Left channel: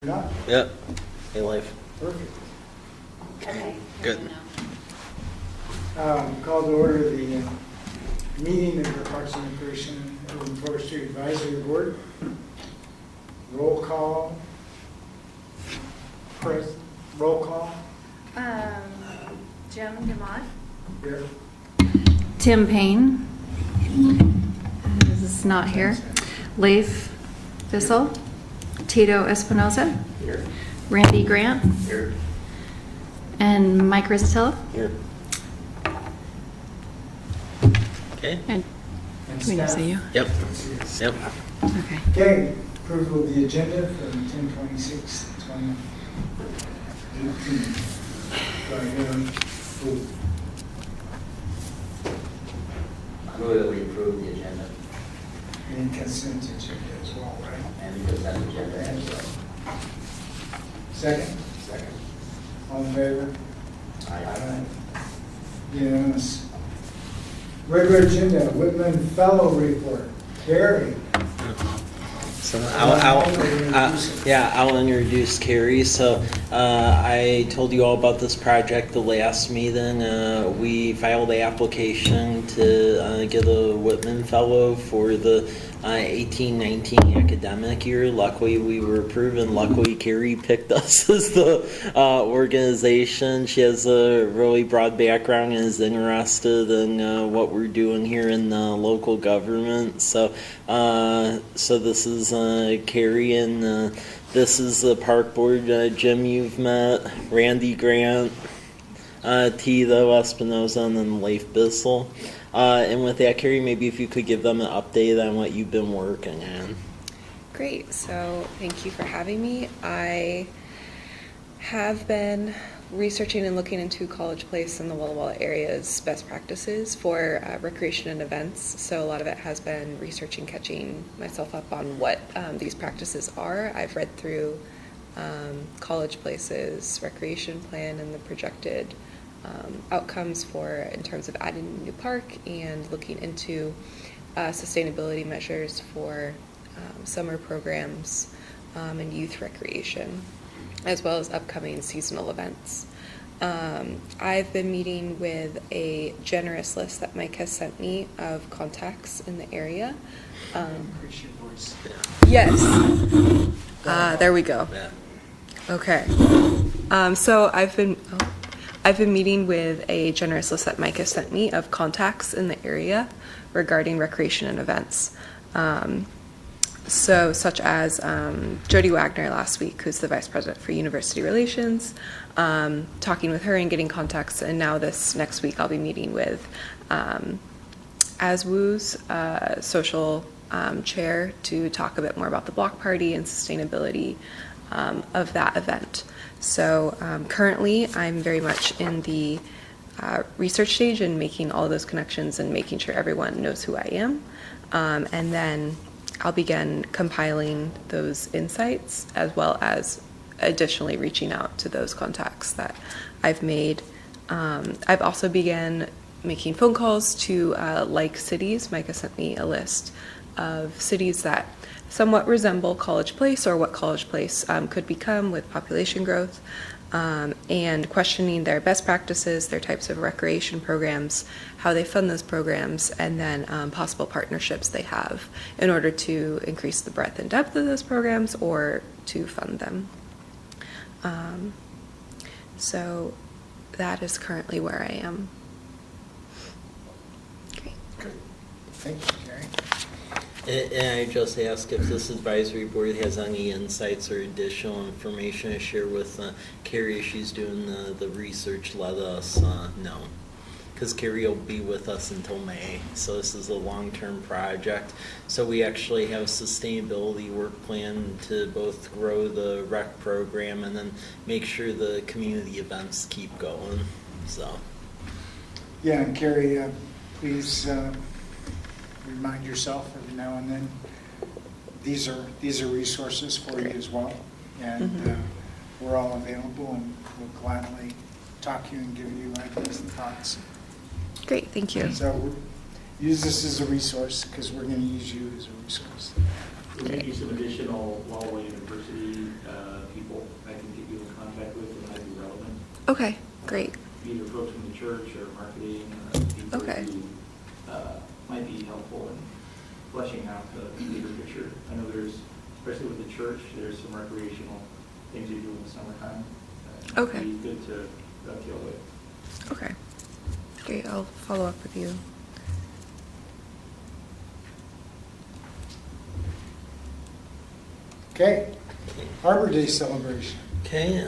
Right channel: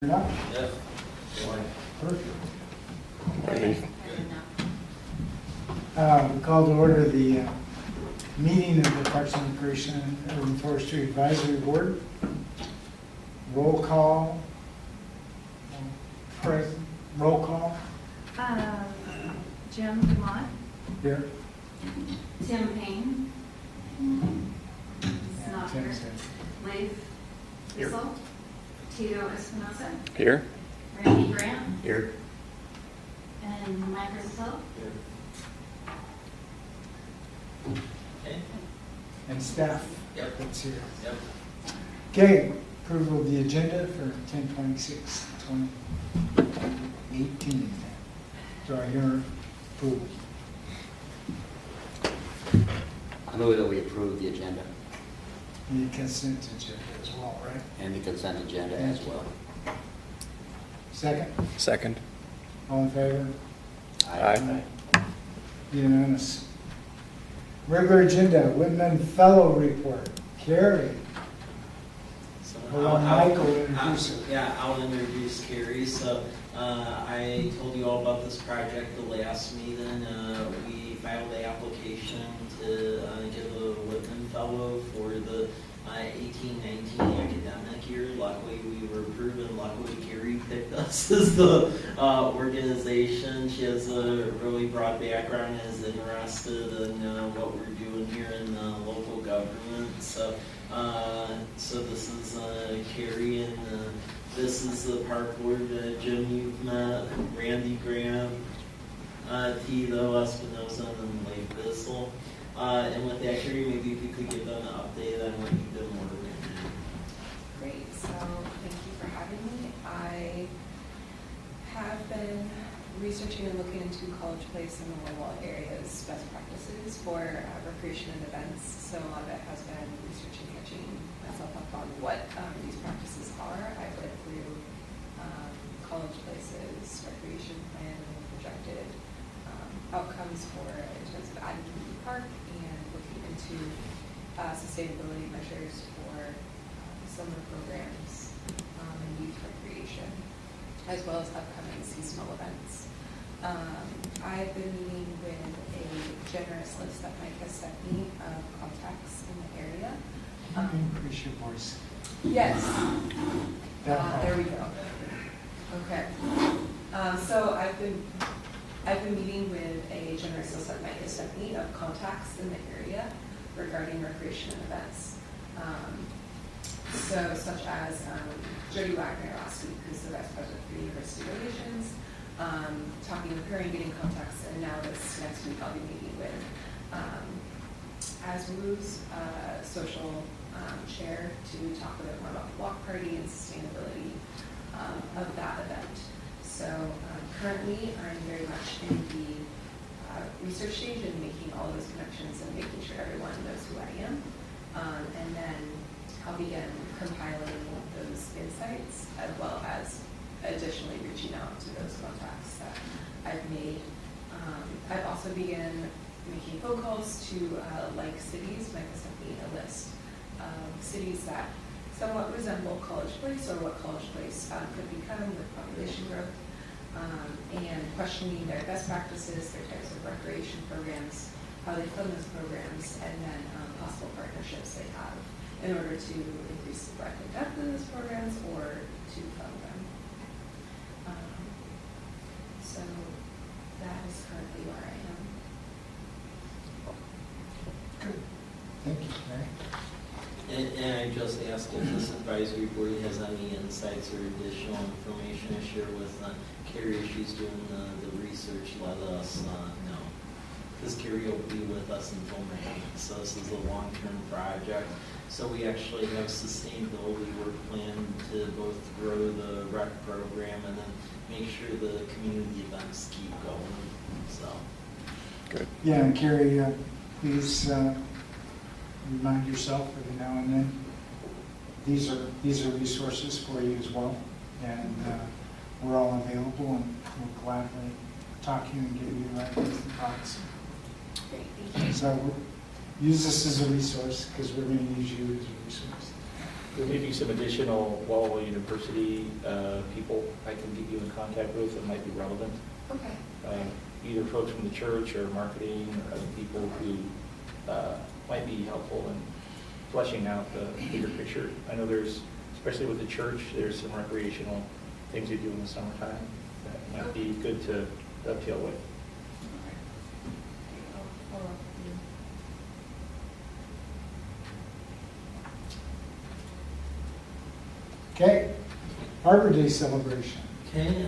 Yeah. Yep. Hey, life. Perfect. Good. We call to order the meeting of the Parks and Recreation and Urban Forestry Advisory Board. Roll call. Present. Roll call. Jim DeMott. Here. Tim Payne. This is not here. Leif Bissell. Tito Espinoza. Here. Randy Grant. Here. And Mike Rizzatilla. Here. Okay. And And we need to staff. see you. Yep. Yep. Okay. Okay, approval of the agenda for 10/26/2018. Do I hear approval? I move that we approve the agenda Any consent agenda as well, right? and the consent agenda as well. Second, Second. all in favor? Aye. Unanimous. Regular agenda, Whitman Fellow Report. Carrie. So I'll introduce Carrie. So I told you all about this project the last meeting. We filed the application to get a Whitman Fellow for the 18-19 academic year. Luckily, we were approved, and luckily, Carrie picked us as the organization. She has a really broad background and is interested in what we're doing here in local government. So this is Carrie, and this is the park board. Jim, you've met Randy Grant, Tito Espinoza, and then Leif Bissell. And with that, Carrie, maybe if you could give them an update on what you've been working on. Great, so thank you for having me. I have been researching and looking into College Place and the Walla Walla area's best practices for recreation and events. So a lot of it has been researching, catching myself up on what these practices are. I've read through College Place's recreation plan and the projected outcomes for in terms of adding a new park and looking into sustainability measures for summer programs and youth recreation, as well as upcoming seasonal events. I've been meeting with a generous list that Mike has sent me of contacts in the area. Increase your voice. Yes. There we go. Okay. So I've been meeting with a generous list that Mike has sent me of contacts in the area regarding recreation and events. So such as Jody Wagner last week, who's the Vice President for University Relations, talking with her and getting contacts. And now this next week I'll be meeting with ASWU's social chair to talk a bit more about the block party and sustainability of that event. So currently I'm very much in the research stage and making all those connections and making sure everyone knows who I am. And then I'll begin compiling those insights as well as additionally reaching out to those contacts that I've made. I've also began making phone calls to like cities. Micah sent me a list of cities that somewhat resemble College Place or what College Place could become with population growth, and questioning their best practices, their types of recreation programs, how they fund those programs, and then possible partnerships they have in order to increase the breadth and depth of those programs or to fund them. So that is currently where I am. Great. Good. Thank you, Carrie. And I just asked if this advisory board has any insights or additional information to share with Carrie as she's doing the research. Let us know, because Carrie will be with us until May. So this is a long-term project. So we actually have a sustainability work plan to both grow the rec program and then make sure the community events keep going. So good. Yeah, and Carrie, please remind yourself every now and then, these are resources for you as well, and we're all available, and we'll gladly talk to you and give you ideas and thoughts. Great, thank you. So use this as a resource, because we're going to use you as a resource. There may be some additional Walla Walla University Okay, great. Either folks from the church or marketing or people Okay. who might be helpful in fleshing out the bigger picture. I know there's, especially with the church, there's some recreational things you do in the summertime that might Okay. be good to dovetail with. Okay, great. I'll follow up with you. Okay, Arbor Day celebration. Okay,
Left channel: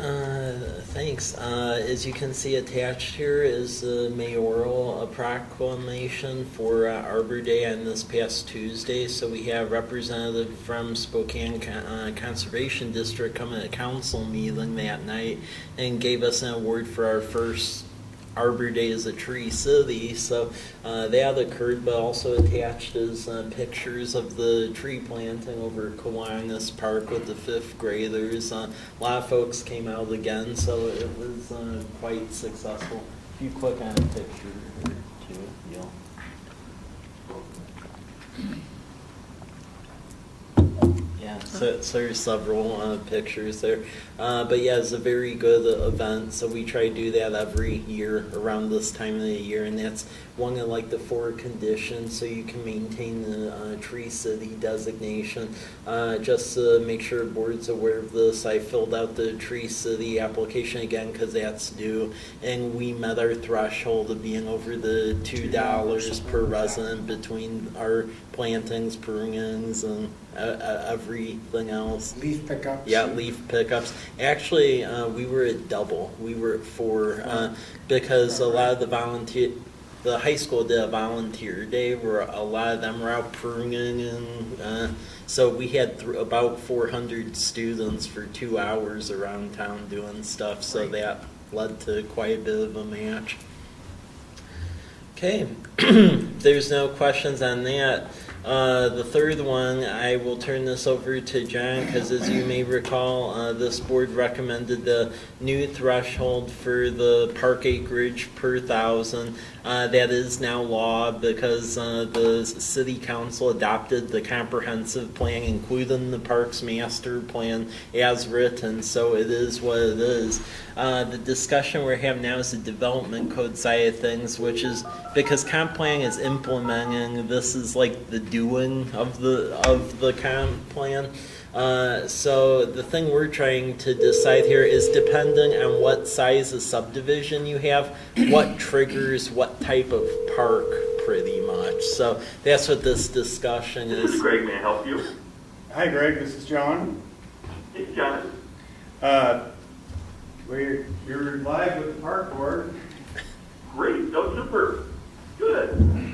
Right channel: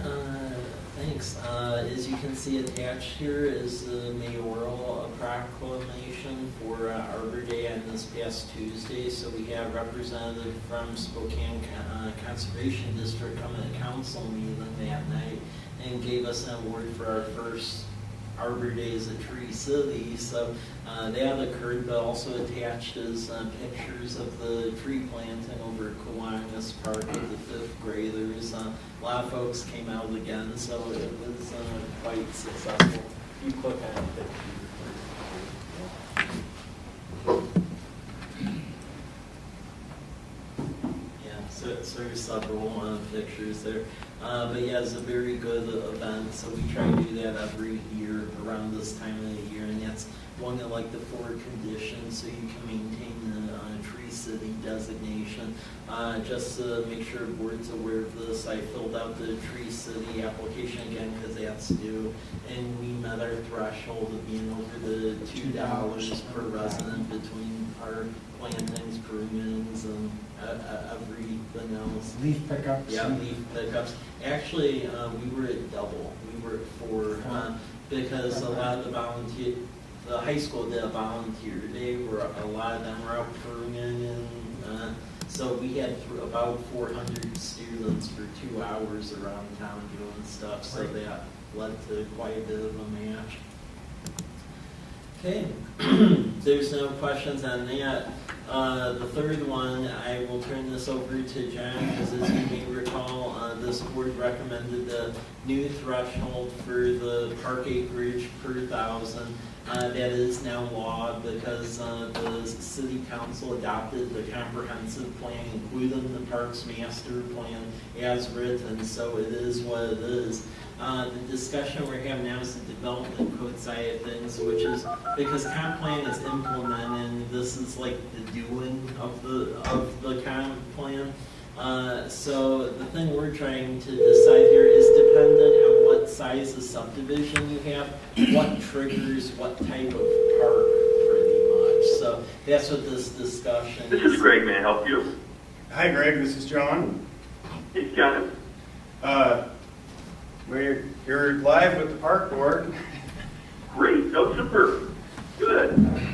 thanks. As you can see attached here is the mayoral proclamation for Arbor Day on this past Tuesday. So we have representative from Spokane Conservation District coming to council meeting that night and gave us an award for our first Arbor Day as a tree city. So that occurred, but also attached is pictures of the tree planting over at Kiwanis Park with the fifth graders. A lot of folks came out again, so it was quite successful. If you click on the picture, so there's several pictures there. But yeah, it's a very good event. So we try to do that every year around this time of the year, and that's one of like the 4 conditions so you can maintain the tree city designation. Just to make sure the board's aware of this, I filled out the tree city application again because that's due, and we met our threshold of being over the $2 per resident between our plantings, prunings, and everything else. Leaf pickups. Yeah, leaf pickups. Actually, we were at double. We were at 4 because a lot of the high school did a volunteer day where a lot of them were out pruning, and so we had about 400 students for 2 hours around town doing stuff. So that led to quite a bit of a match. Okay, there's no questions on that. The third one, I will turn this over to John because as you may recall, this board recommended the new threshold for the park acreage per 1,000. That is now law because the city council adopted the comprehensive plan, including the parks master plan as written, so it is what it is. The discussion we're having now is the development code side of things, which is because comp plan is implementing, this is like the doing of the comp plan. So the thing we're trying to decide here is depending on what size of subdivision you have, what triggers what type of park pretty much. So that's what this discussion is. This is Greg, may I help you? Hi, Greg. This is John. Hey, John. You're live with the park board. Great, go super. Good.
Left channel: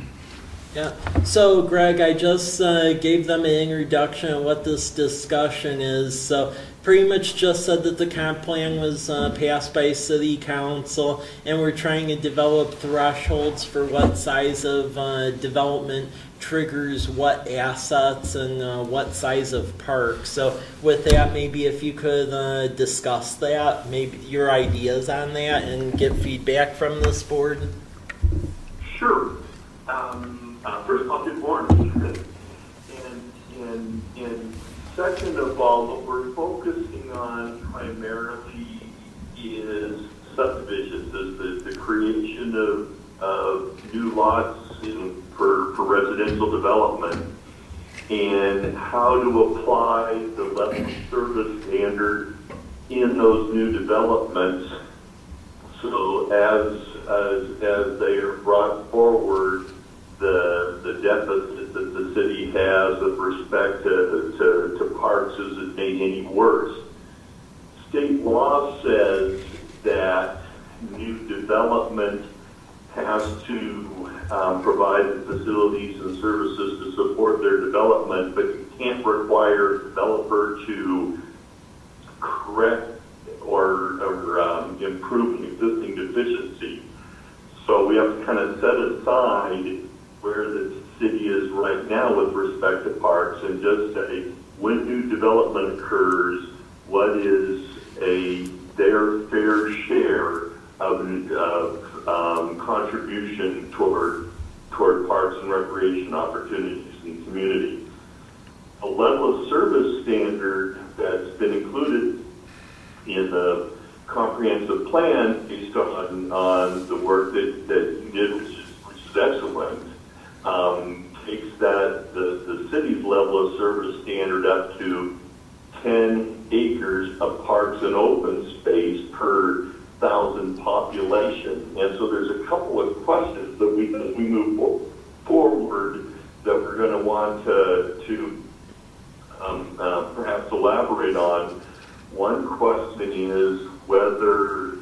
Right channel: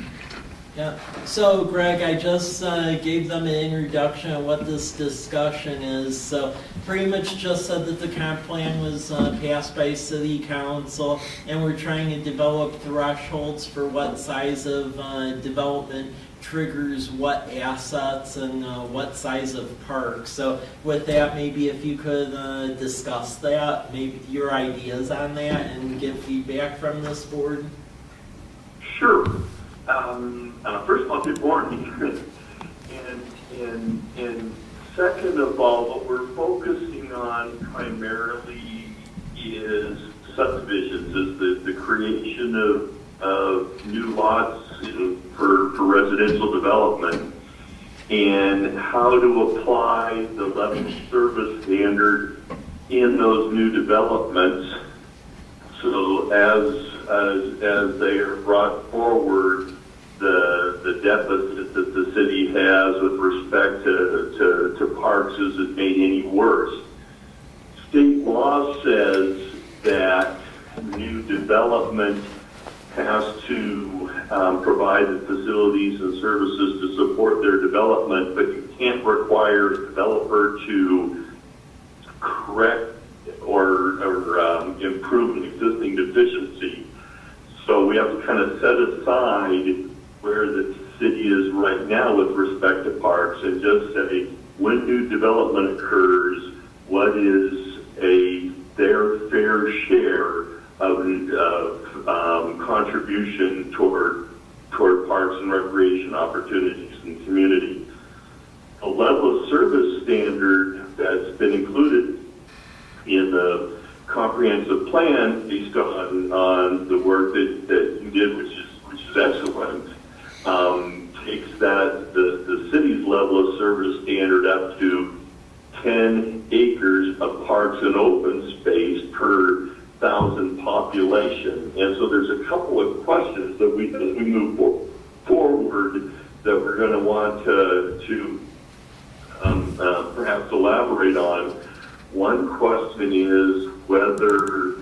Yeah. So, Greg, I just gave them an introduction of what this discussion is. So, pretty much just said that the comp plan was passed by City Council, and we're trying to develop thresholds for what size of development triggers what assets and what size of park. So, with that, maybe if you could discuss that, maybe your ideas on that, and get feedback from this board. Sure. First of all, good morning. And second of all, what we're focusing on primarily is subdivisions, is the creation of new lots for residential development, and how to apply the level of service standard in those new developments. So as they are brought forward, the deficit that the city has with respect to parks isn't made any worse. State law says that new development has to provide the facilities and services to support their development, but you can't require a developer to correct or improve an existing deficiency. So we have to kind of set aside where the city is right now with respect to parks and just say, when new development occurs, what is their fair share of contribution toward parks and recreation opportunities in the community. A level of service standard that's been included in the comprehensive plan based on the work that you did, which is excellent, takes the city's level of service standard up to 10 acres of parks and open space per 1,000 population. And so there's a couple of questions that as we move forward that we're going to want to perhaps elaborate on. One question is whether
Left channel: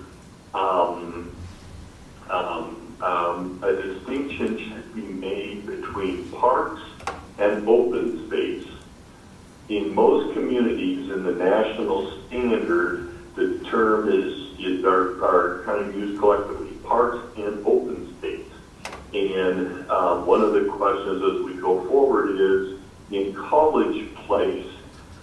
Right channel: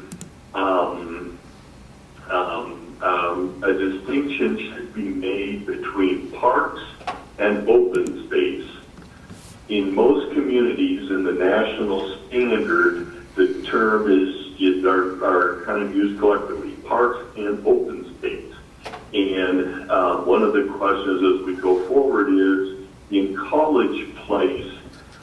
a distinction should be made between parks and open space. In most communities in the national standard, the term are kind of used collectively, parks and open space. And one of the questions as we go forward is, in College Place,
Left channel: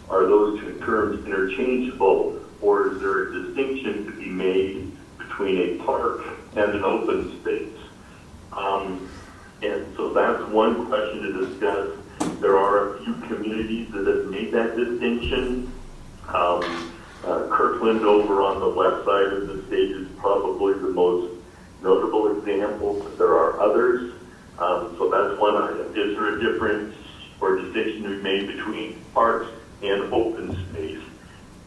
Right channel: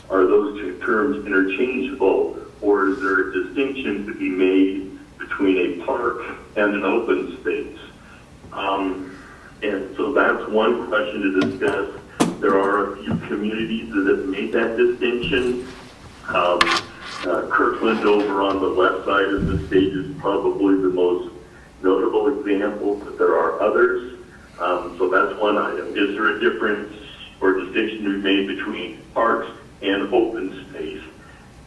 are those two terms interchangeable, or is there a distinction to be made between a park and an open space? And so that's one question to discuss. There are a few communities that have made that distinction. Kirkland over on the west side of the state is probably the most notable example, but there are others. So that's one item. Is there a difference or distinction to be made between parks and open space?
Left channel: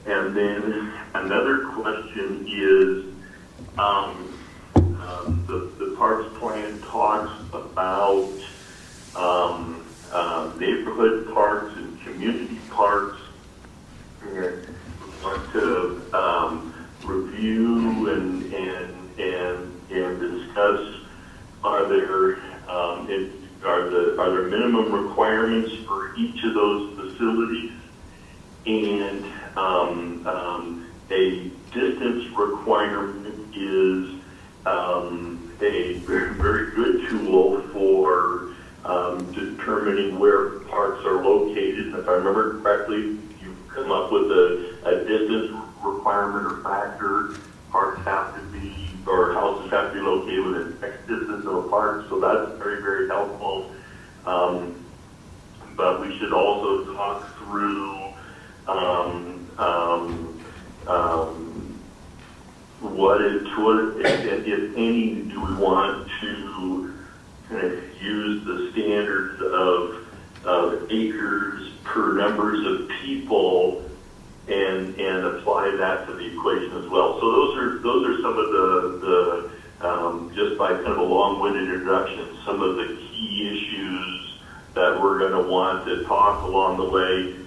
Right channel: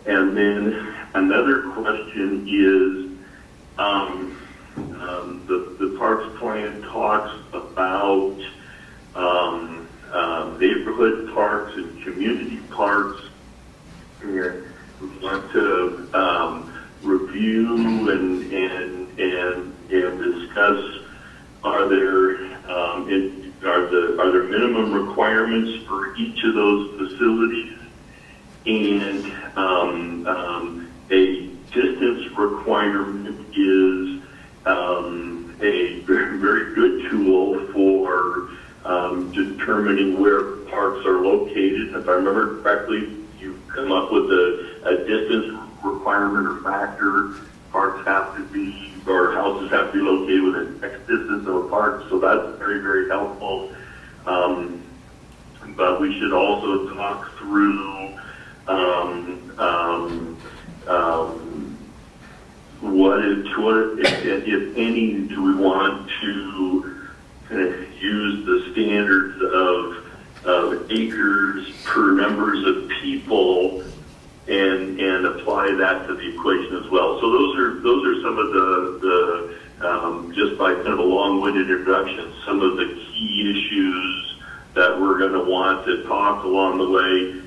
And then another question is, the Parks Plan talks about neighborhood parks and community parks. And we want to review and discuss, are there minimum requirements for each of those facilities, and a distance requirement is a very good tool for determining where parks are located. If I remember correctly, you come up with a distance requirement or factor. Parks have to be, or houses have to be located within X distance of a park, so that's very, very helpful. But we should also talk through what, if any, do we want to kind of use the standards of acres per numbers of people and apply that to the equation as well. So those are some of the just by kind of a long-winded introduction, some of the key issues that we're going to want to talk along the way.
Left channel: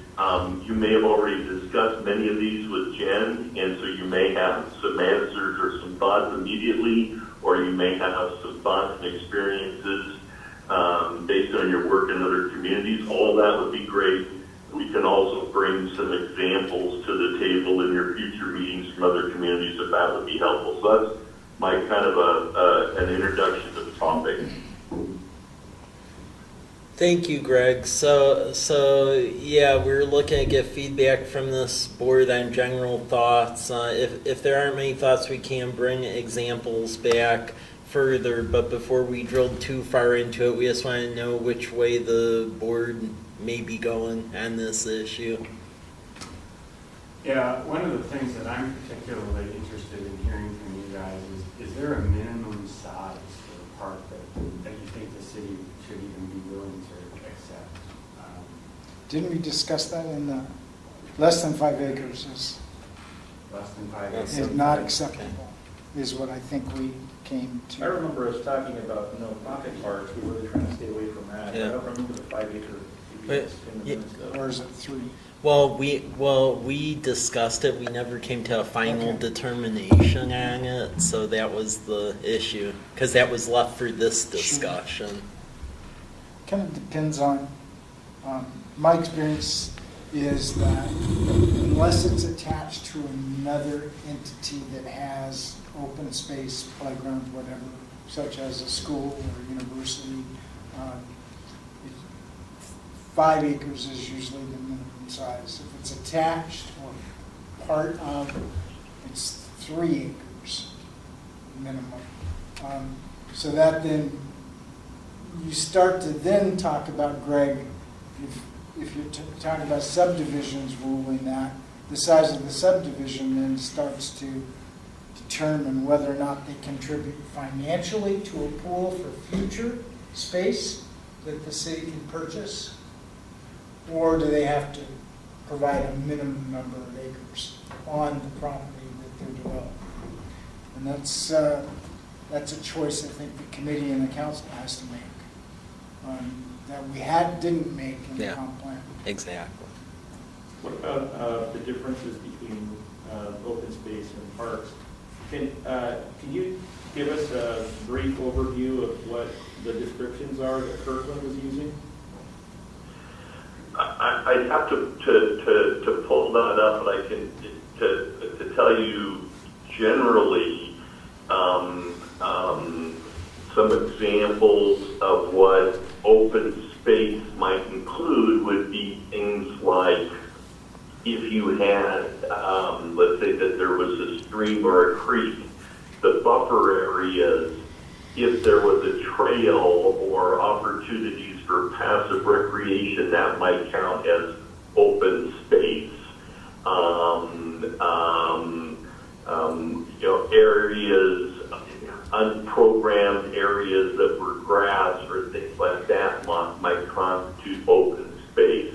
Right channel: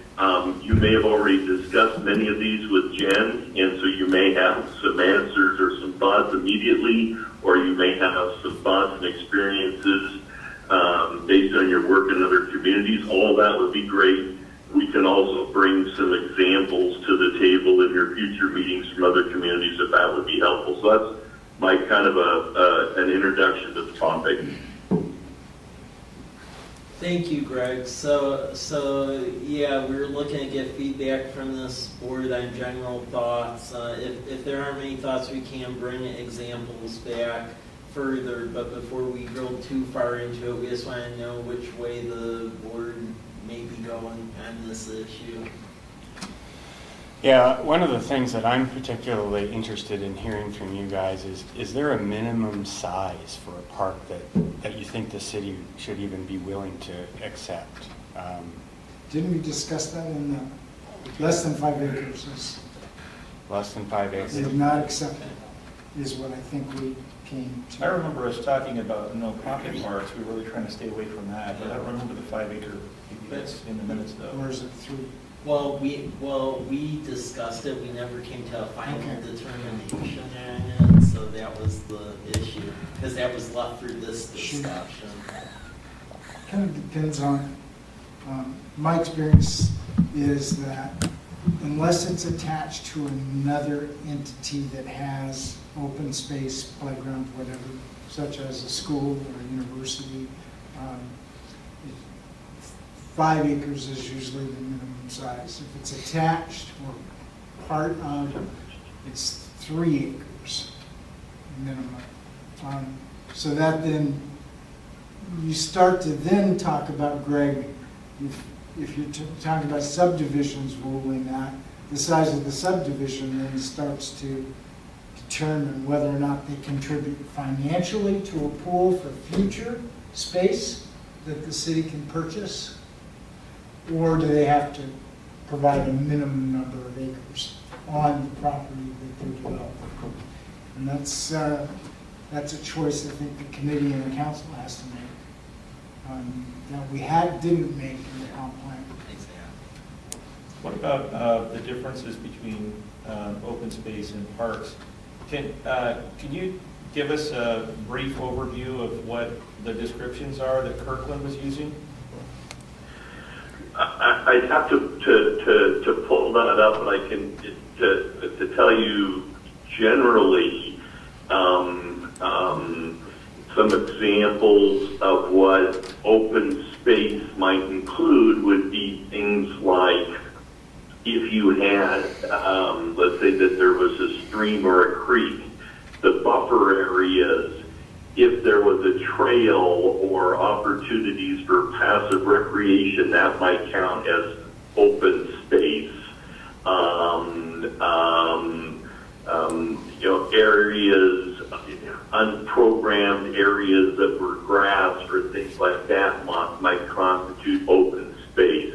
You may have already discussed many of these with Jen, and so you may have some answers or some thoughts immediately, or you may have some thoughts and experiences based on your work in other communities. All that would be great. We can also bring some examples to the table in your future meetings from other communities if that would be helpful. So that's my kind of an introduction to the topic. Thank you, Greg. So yeah, we're looking to get feedback from this board on general thoughts. If there aren't many thoughts, we can bring examples back further. But before we drill too far into it, we just want to know which way the board may be going on this issue. Yeah, one of the things that I'm particularly interested in hearing from you guys is there a minimum size for a park that you think the city should even be willing to accept? Didn't we discuss that in the less than 5 acres is Less than 5 acres? not acceptable, is what I think we came to. I remember us talking about no profit parks. We were really trying to stay away from that. Yeah. I don't remember the 5-acre BPS in the minutes though. Or is it 3? Well, we discussed it. We never came to a final Okay. determination on it, so that was the issue, because that was left for this discussion. Kind of depends on, my experience is that unless it's attached to another entity that has open space, playground, whatever, such as a school or university, 5 acres is usually the minimum size. If it's attached or part of, it's 3 acres minimum. So that then, you start to then talk about, Greg, if you're talking about subdivisions ruling that, the size of the subdivision then starts to determine whether or not they contribute financially to a pool for future space that the city can purchase? Or do they have to provide a minimum number of acres on the property that they're developing? And that's a choice I think the committee and the council has to make, that we didn't make in the Yeah. comp plan. Exactly. What about the differences between open space and parks? Can you give us a brief overview of what the descriptions are that Kirkland was using? I'd have to pull that up, but I can to tell you generally some examples of what open space might include would be things like if you had, let's say that there was a stream or a creek, the buffer areas, if there was a trail or opportunities for passive recreation, that might count as open space. Areas, unprogrammed areas that were grass or things like that might constitute open space.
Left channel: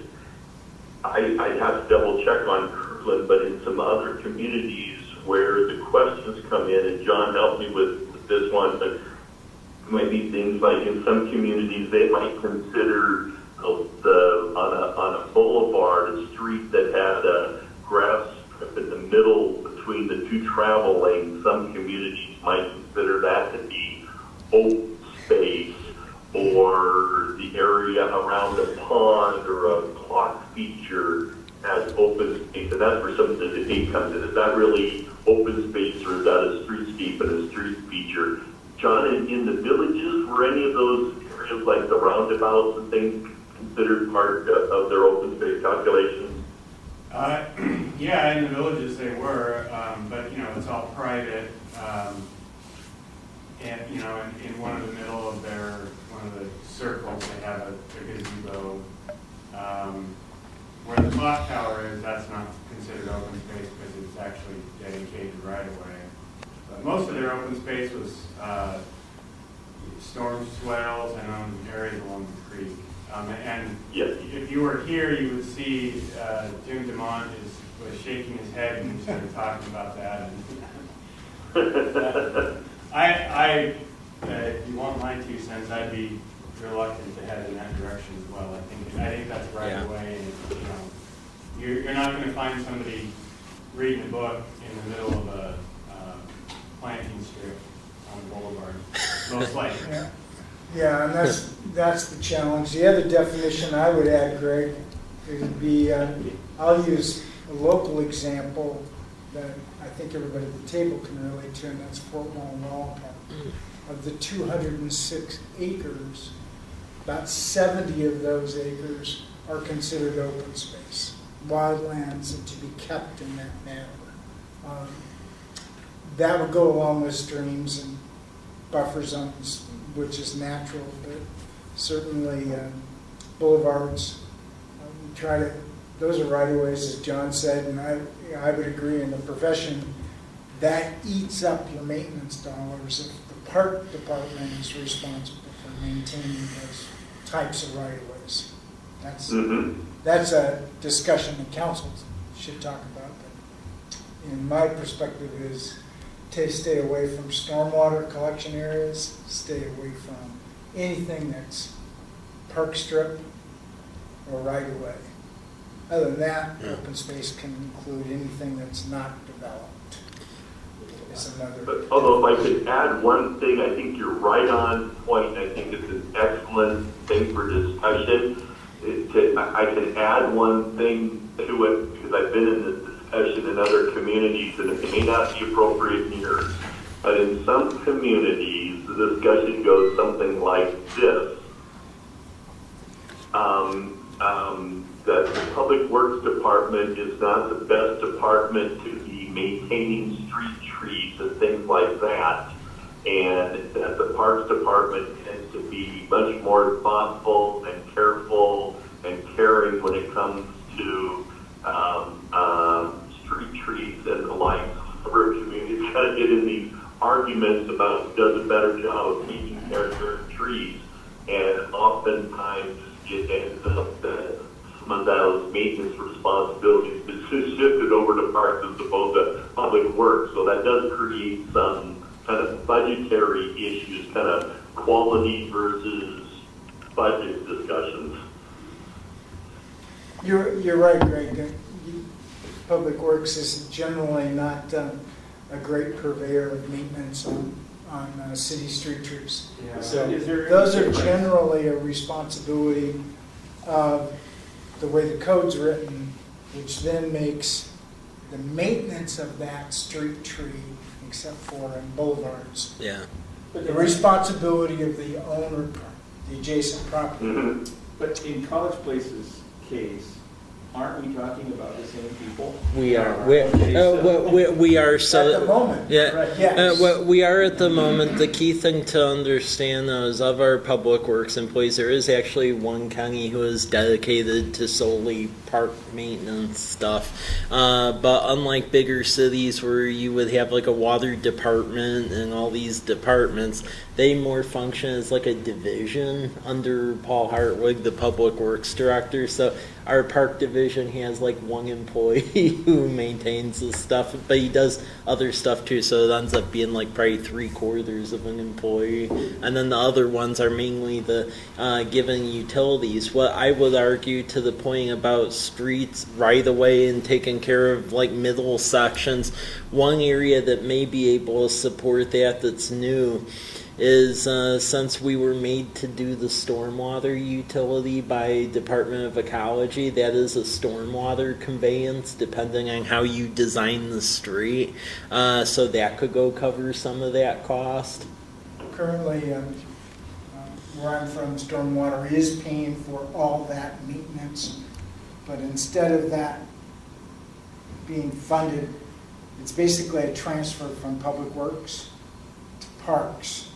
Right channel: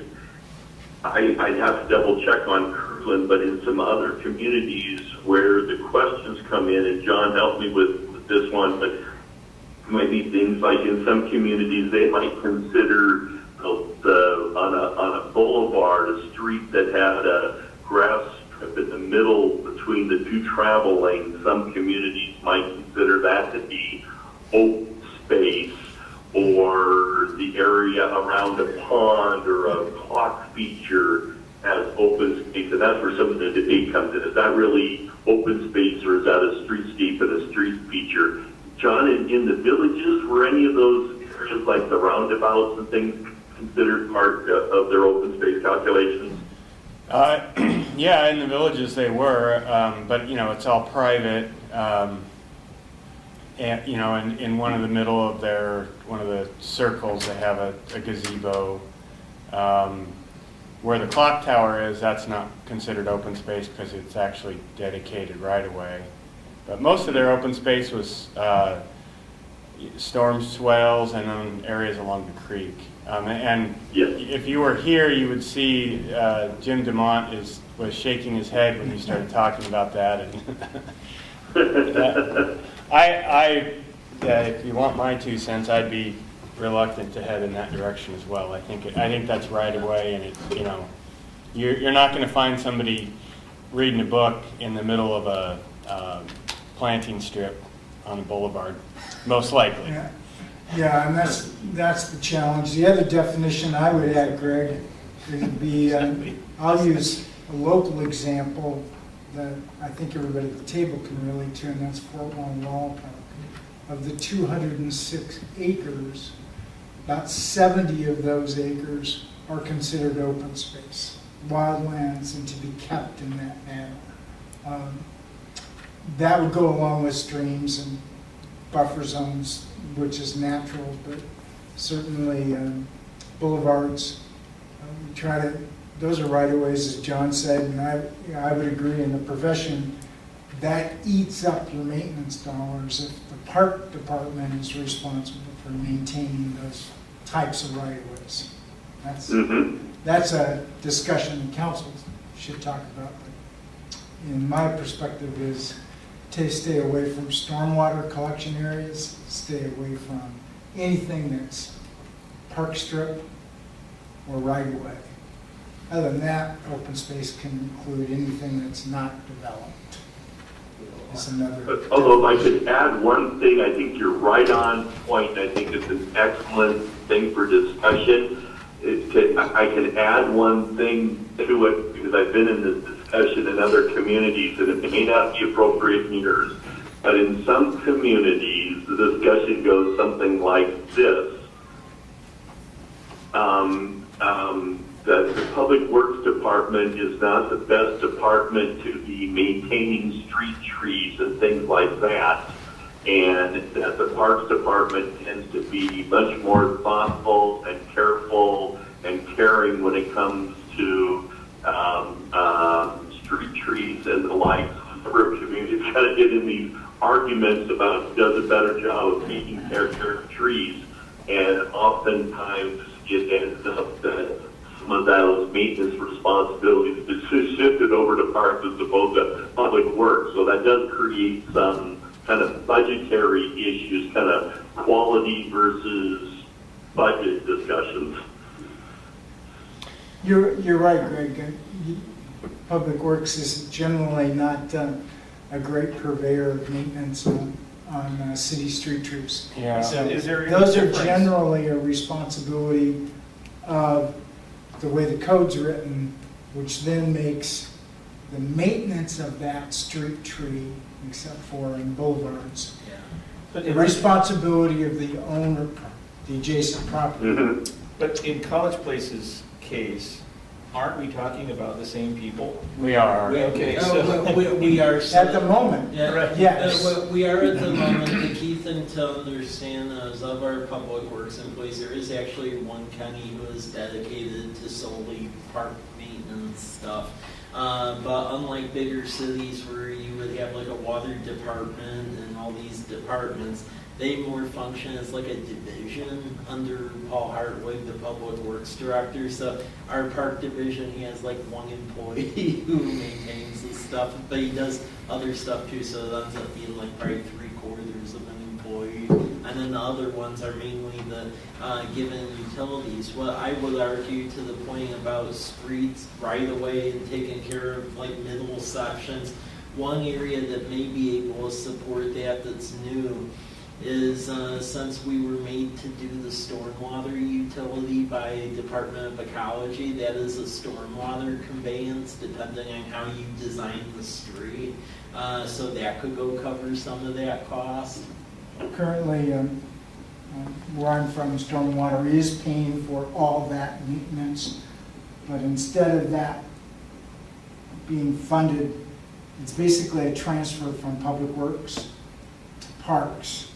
I'd have to double check on Kirkland, but in some other communities where the questions come in, and John helped me with this one, but maybe things like in some communities they might consider on a boulevard, a street that had a grass strip in the middle between the two travel lanes. Some communities might consider that to be open space, or the area around a pond or a clock feature as open space, and that's where some of the debate comes in. Is that really open space, or is that a streetscape and a street feature? John, in the villages, were any of those areas like the roundabouts and things considered part of their open space calculations? Yeah, in the villages they were, but it's all private. And, in one of the middle of one of the circles, they have a gazebo. Where the clock tower is, that's not considered open space because it's actually dedicated right away. But most of their open space was storm swales and areas along the creek. And if you were here, you would see Jim DeMont was shaking his head when you started talking about that. And if you want my 2 cents, I'd be reluctant to head in that direction as well. I think that's right away, and you're not going to find somebody reading a book in the middle of a planting strip on the boulevard, most likely. Yeah, and that's the challenge. The other definition I would add, Greg, would be, I'll use a local example that I think everybody at the table can relate to, and that's Fort Wall Park. Of the 206 acres, about 70 of those acres are considered open space, wildlands, and to be kept in that manner. That would go along with streams and buffer zones, which is natural, but certainly boulevards. We try to, those are right-of-ways, as John said, and I would agree in the profession, that eats up your maintenance dollars if the park department is responsible for maintaining those types of right-of-ways. That's a discussion the council should talk about, but my perspective is to stay away from stormwater collection areas, stay away from anything that's park strip or right-of-way. Other than that, open space can include anything that's not developed. It's another. Although I could add one thing, I think you're right on point. I think it's an excellent thing for discussion. I can add one thing to it because I've been in this discussion in other communities, and it may not be appropriate in yours, but in some communities, the discussion goes something like this. That the Public Works Department is not the best department to be maintaining street trees and things like that, and that the Parks Department tends to be much more thoughtful and careful and caring when it comes to street trees and the like. For a community kind of get in these arguments about who does a better job of taking care of trees. And oftentimes it ends up that some of those maintenance responsibilities is shifted over to parks as opposed to public works. So that does create some kind of budgetary issues, kind of quality versus budget discussions. You're right, Greg. Public Works is generally not a great purveyor of maintenance on city street trees. Yeah. So Is there any those are difference? generally a responsibility of the way the code's written, which then makes the maintenance of that street tree, except for in boulevards, Yeah. But the in, responsibility of the owner, the adjacent property. Mm-hmm. but in College Place's case, aren't we talking about the same people? We are. Okay, so. We are, so. At the moment, Yeah, Right. yes. we are at the moment. The key thing to understand is of our public works employees, there is actually one county who is dedicated to solely park maintenance stuff. But unlike bigger cities where you would have like a water department and all these departments, they more function as like a division under Paul Hartwig, the public works director. So our park division has like one employee who maintains this stuff, but he does other stuff too. So it ends up being like probably 3/4 of an employee. And then the other ones are mainly the given utilities. What I would argue to the point about streets right away and taking care of like middle sections, one area that may be able to support that's new is since we were made to do the stormwater utility by Department of Ecology, that is a stormwater conveyance depending on how you design the street. So that could go cover some of that cost. Currently, where I'm from, stormwater is paying for all that maintenance, but instead of that being funded, it's basically a transfer from Public Works to Parks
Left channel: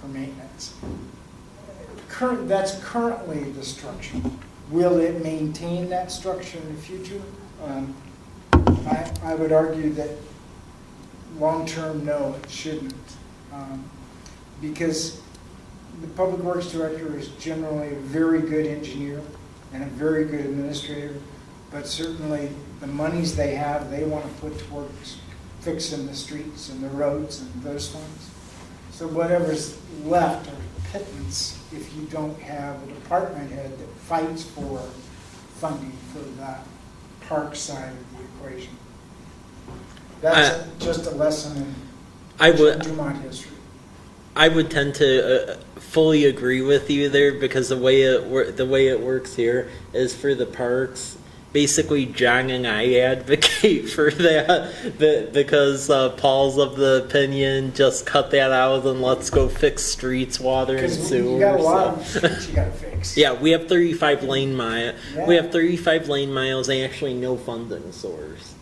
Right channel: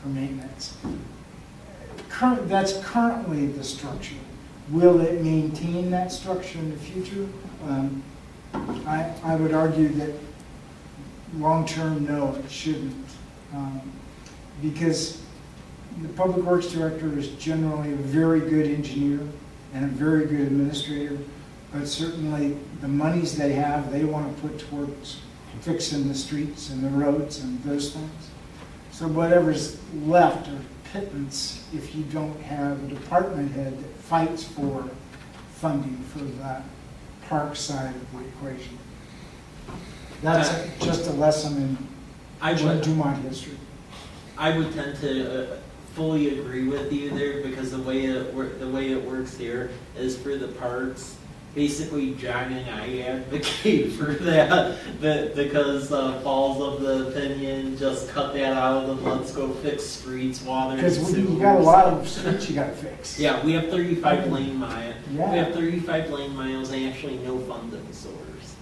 for maintenance. That's currently the structure. Will it maintain that structure in the future? I would argue that long-term, no, it shouldn't. Because the Public Works Director is generally a very good engineer and a very good administrator, but certainly the monies they have, they want to put towards fixing the streets and the roads and those things. So whatever's left are pittance if you don't have a department head that fights for funding for that park side of the equation. That's just a lesson in Dumont history. I would tend to fully agree with you there because the way it works here is for the parks. Basically, John and I advocate for that because Paul's of the opinion just cut that out and let's go fix streets, water, and Because sewers. you got a lot of streets you got to fix. Yeah, we have 35 lane miles. Yeah. We have 35 lane miles and actually no funding source.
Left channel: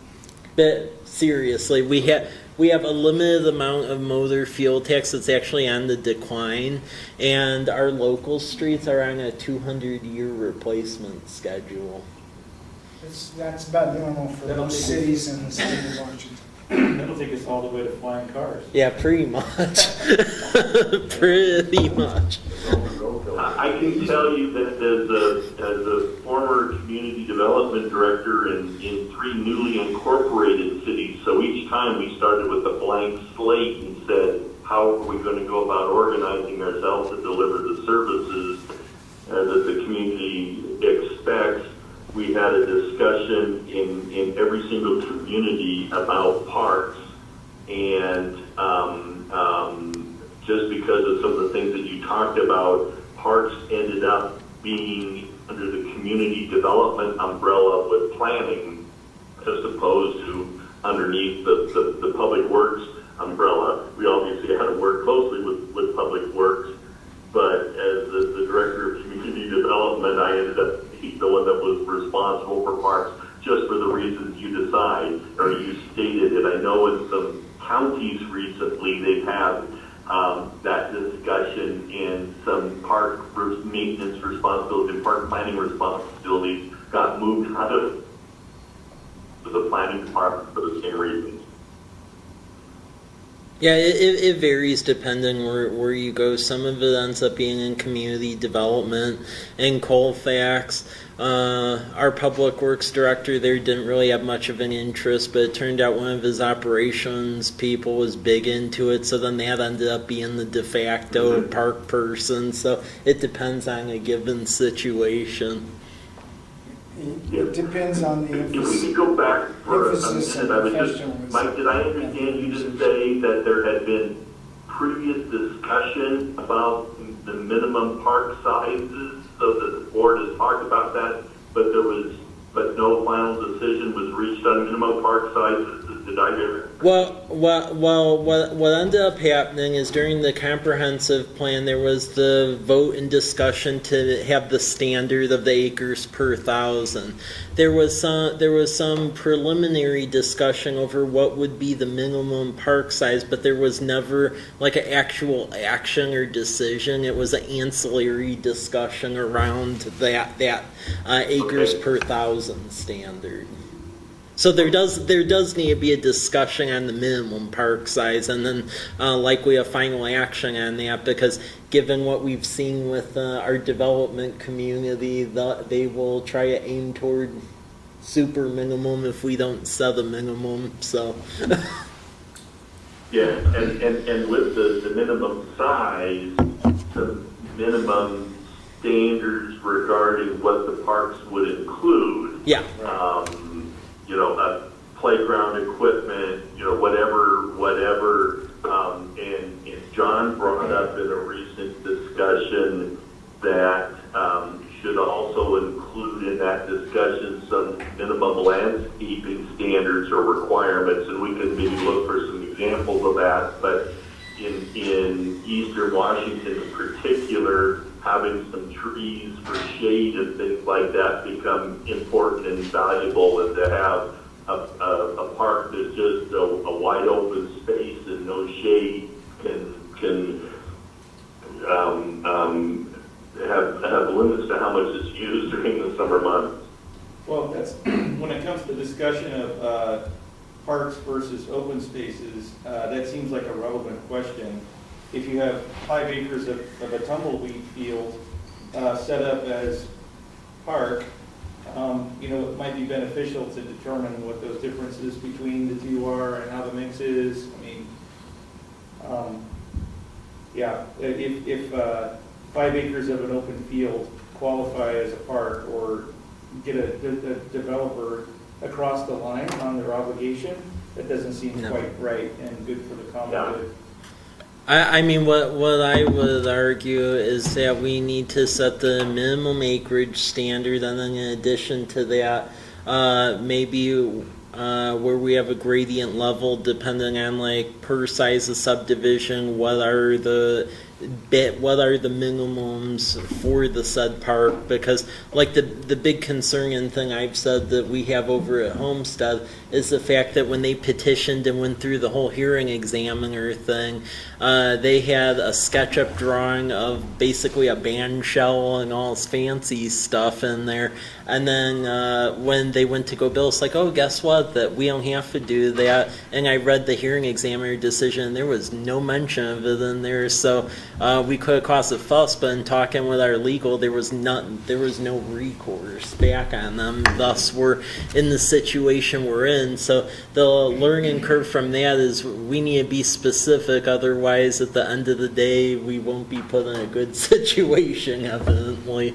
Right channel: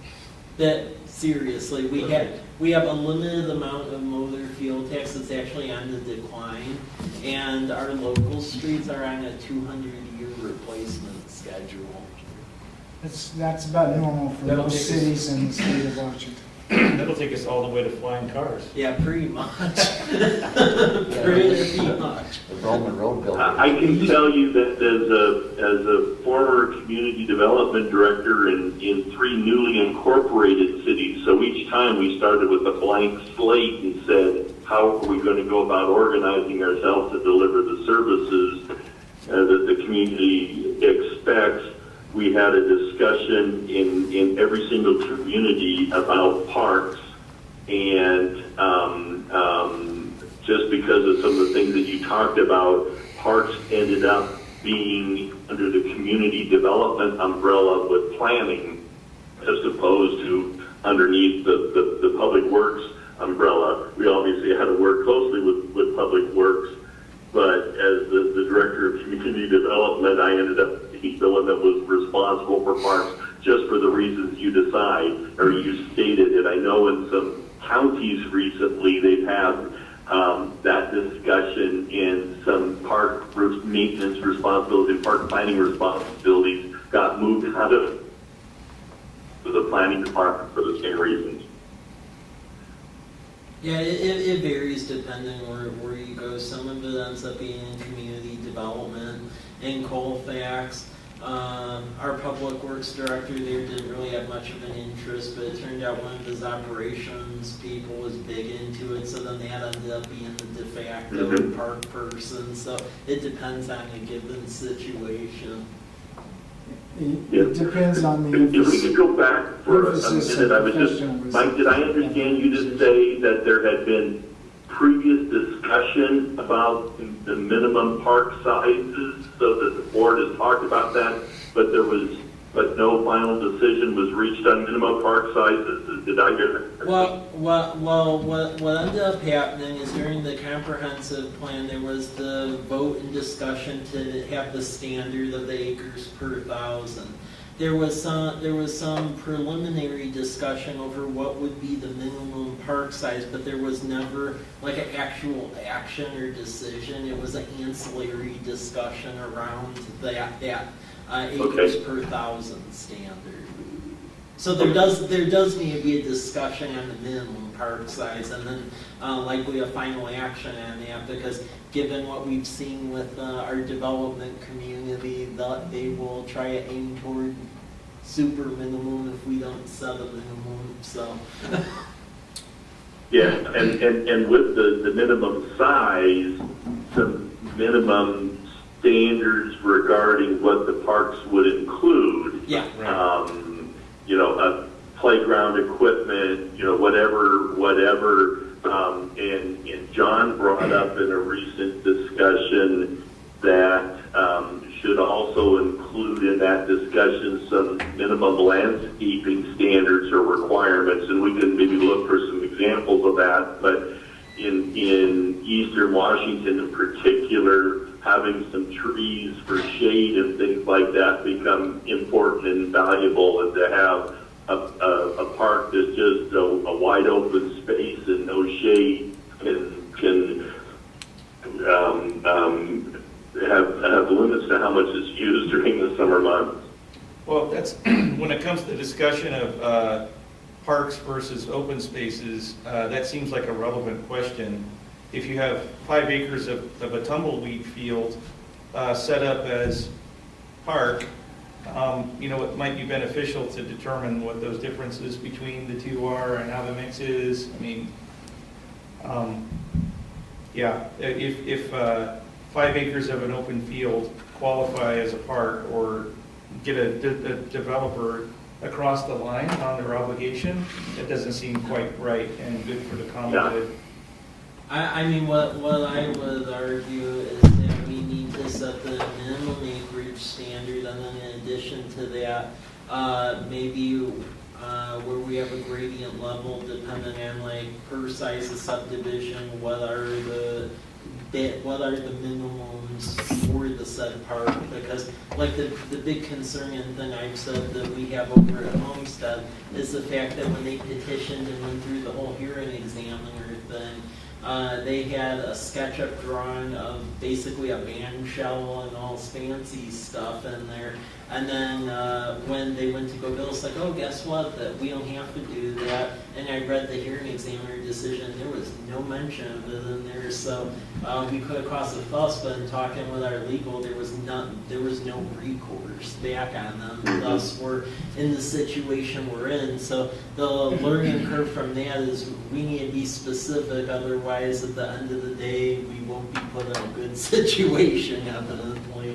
But seriously, we have a limited amount of motor fuel tax that's actually on the decline, and our local streets are on a 200-year replacement schedule. That's about normal for That'll most take us- cities in the state of Washington. That'll take us all the way to flying cars. Yeah, pretty much. Pretty much. The Roman road building. I can tell you that as a former community development director in 3 newly incorporated cities, so each time we started with a blank slate and said, how are we going to go about organizing ourselves to deliver the services that the community expects? We had a discussion in every single community about parks, and just because of some of the things that you talked about, parks ended up being under the community development umbrella with planning, as opposed to underneath the public works umbrella. We obviously had to work closely with public works, but as the director of community development, I ended up being the one that was responsible for parks, just for the reasons you stated it. I know in some counties recently they've had that discussion, in some park maintenance responsibility, park planning responsibilities got moved out of the planning department for the same reasons. Yeah, it varies depending where you go. Some of it ends up being in community development. In Colfax, our public works director there didn't really have much of an interest, but it turned out one of his operations people was big into it, so then that ended up being the de facto park person. So it depends on a given situation. It depends on the If we emphasis. could go back for a Emphasis minute, I of was just, profession was- Mike, did I understand you to say that there had been previous discussion about the minimum park sizes, so that the board has talked about that, but no final decision was reached on minimum park sizes? Did I hear that? Well, what ended up happening is during the comprehensive plan, there was the vote and discussion to have the standard of the acres per thousand. There was some preliminary discussion over what would be the minimum park size, but there was never like an actual action or decision. It was an ancillary discussion around that acres per thousand standard. So there does need to be a discussion on the minimum park size, and then likely a final action on that, because given what we've seen with our development community, they will try to aim toward super minimum if we don't set a minimum. So Yeah, and with the minimum size, the minimum standards regarding what the parks would include. yeah. Playground equipment, whatever. And John brought up in a recent discussion that should also include in that discussion some minimum landscaping standards or requirements, and we can maybe look for some examples of that. But in Eastern Washington in particular, having some trees for shade and things like that become important and valuable, and to have a park that's just a wide open space and no shade can have limits to how much is used during the summer months. Well, that's, when it comes to the discussion of parks versus open spaces, that seems like a relevant question. If you have 5 acres of a tumbleweed field set up as park, it might be beneficial to determine what those differences between the two are and how the mix is. I mean, if 5 acres of an open field qualify as a park, or get a developer across the line on their obligation, it doesn't seem quite right and good for the common good. I mean, what I would argue is that we need to set the minimum acreage standard, and then in addition to that, maybe where we have a gradient level depending on like per size of subdivision, what are the minimums for the said park, because like the big concern and thing I've said that we have over at Homestead is the fact that when they petitioned and went through the whole hearing examiner thing, they had a SketchUp drawing of basically a band shell and all its fancy stuff in there. And then when they went to go build, it's like, oh, guess what? That we don't have to do that. And I read the hearing examiner decision, and there was no mention of it in there. So we could have caused a fuss, but in talking with our legal, there was no recourse back on them. Thus, we're in the situation we're in. So the learning curve from that is we need to be specific, otherwise at the end of the day, we won't be put in a good situation, evidently.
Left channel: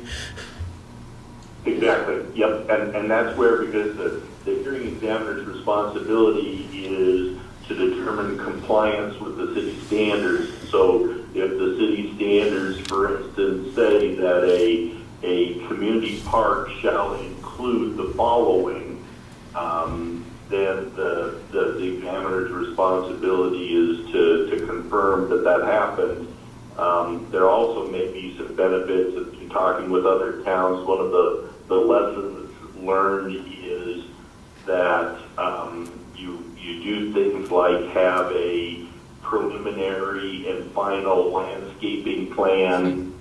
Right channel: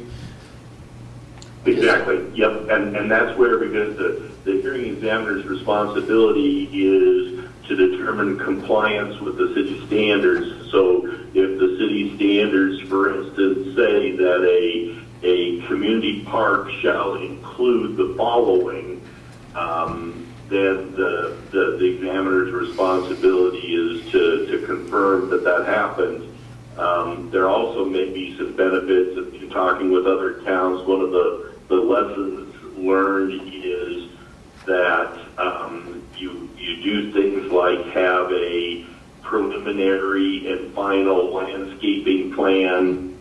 Exactly, yep, and that's where, because the hearing examiner's responsibility is to determine compliance with the city standards. So if the city standards, for instance, say that a community park shall include the following, then the examiner's responsibility is to confirm that happened. There also may be some benefits of talking with other towns. One of the lessons learned is that you do things like have a preliminary and final landscaping plan,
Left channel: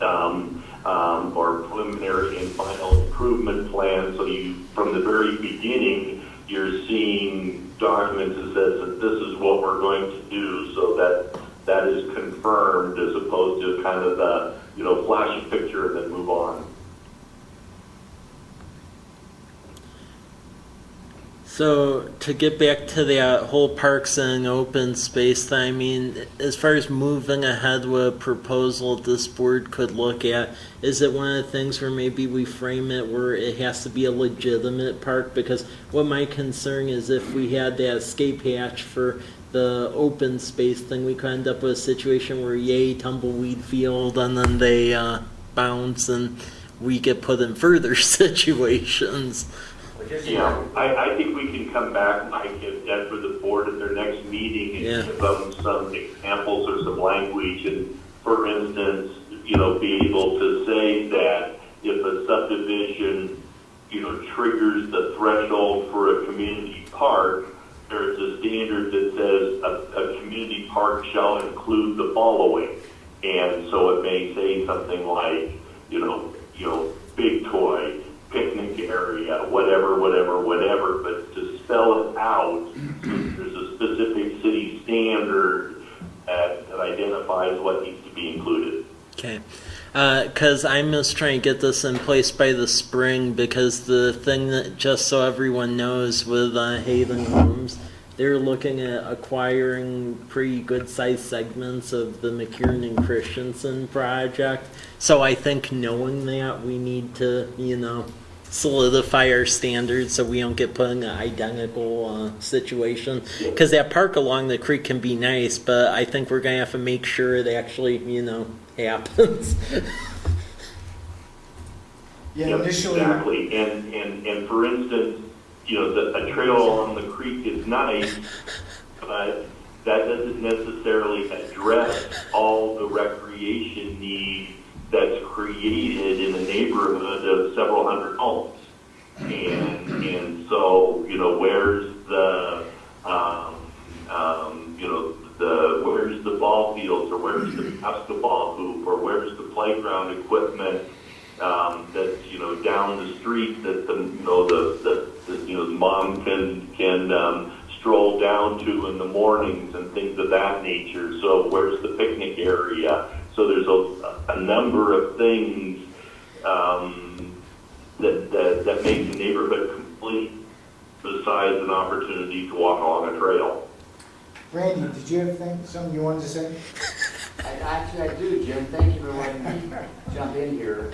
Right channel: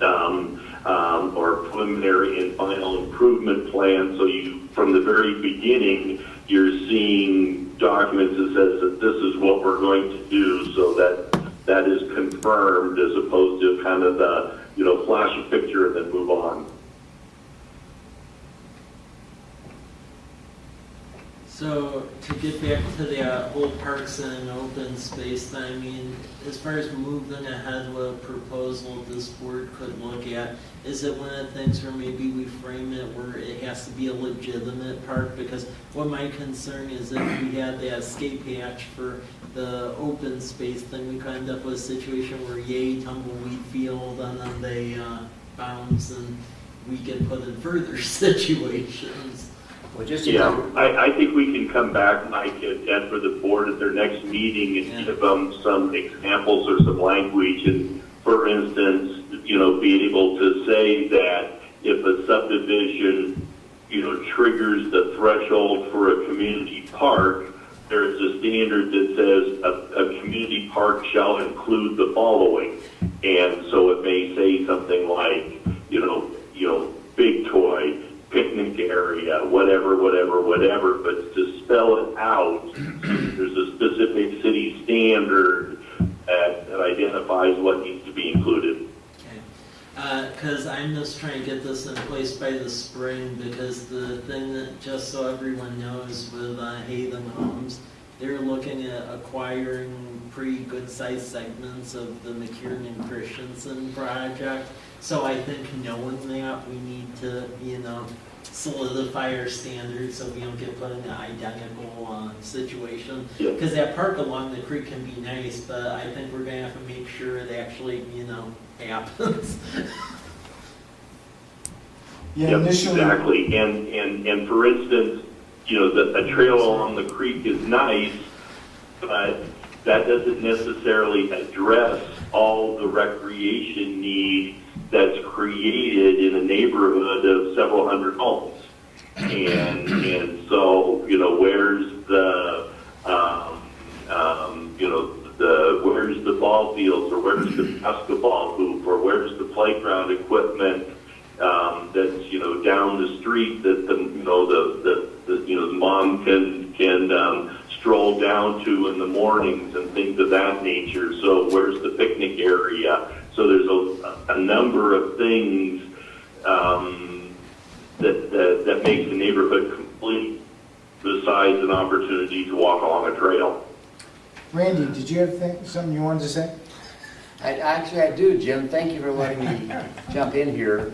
or preliminary and final improvement plan. So you, from the very beginning, you're seeing documents that says that this is what we're going to do, so that is confirmed as opposed to kind of the, flash a picture and then move on. So to get back to the whole parks and open space thing, I mean, as far as moving ahead with a proposal this board could look at, is it one of the things where maybe we frame it where it has to be a legitimate park? Because what my concern is, if we had that escape hatch for the open space thing, we could end up with a situation where yay, tumbleweed field, and then they bounce and we get put in further situations. Well, just Yeah, I think we can come back, Mike, and for the board at their next meeting and give them some examples or some language. And for instance, be able to say that if a subdivision, triggers the threshold for a community park, there's a standard that says a community park shall include the following. And so it may say something like, big toy, picnic area, whatever, but to spell it out, there's a specific city standard that identifies what needs to be included. Okay. Because I'm just trying to get this in place by the spring, because the thing that, just so everyone knows, with Haven Homes, they're looking at acquiring pretty good sized segments of the McKiernan and Christensen project. So I think knowing that, we need to, solidify our standards so we don't get put in an identical situation. Because that park along the creek can be nice, but I think we're going to have to make sure it actually, happens. Yeah, Yep, initially, exactly. And for instance, a trail along the creek is nice, but that doesn't necessarily address all the recreation needs that's created in a neighborhood of several hundred homes. And so, where's the, where's the ball fields, or where's the basketball hoop, or where's the playground equipment that's, down the street that the mom can stroll down to in the mornings and things of that nature. So where's the picnic area? So there's a number of things that makes the neighborhood complete, besides an opportunity to walk along a trail. Randy, did you have something you wanted to say? Actually, I do, Jim. Thank you for letting me jump in here.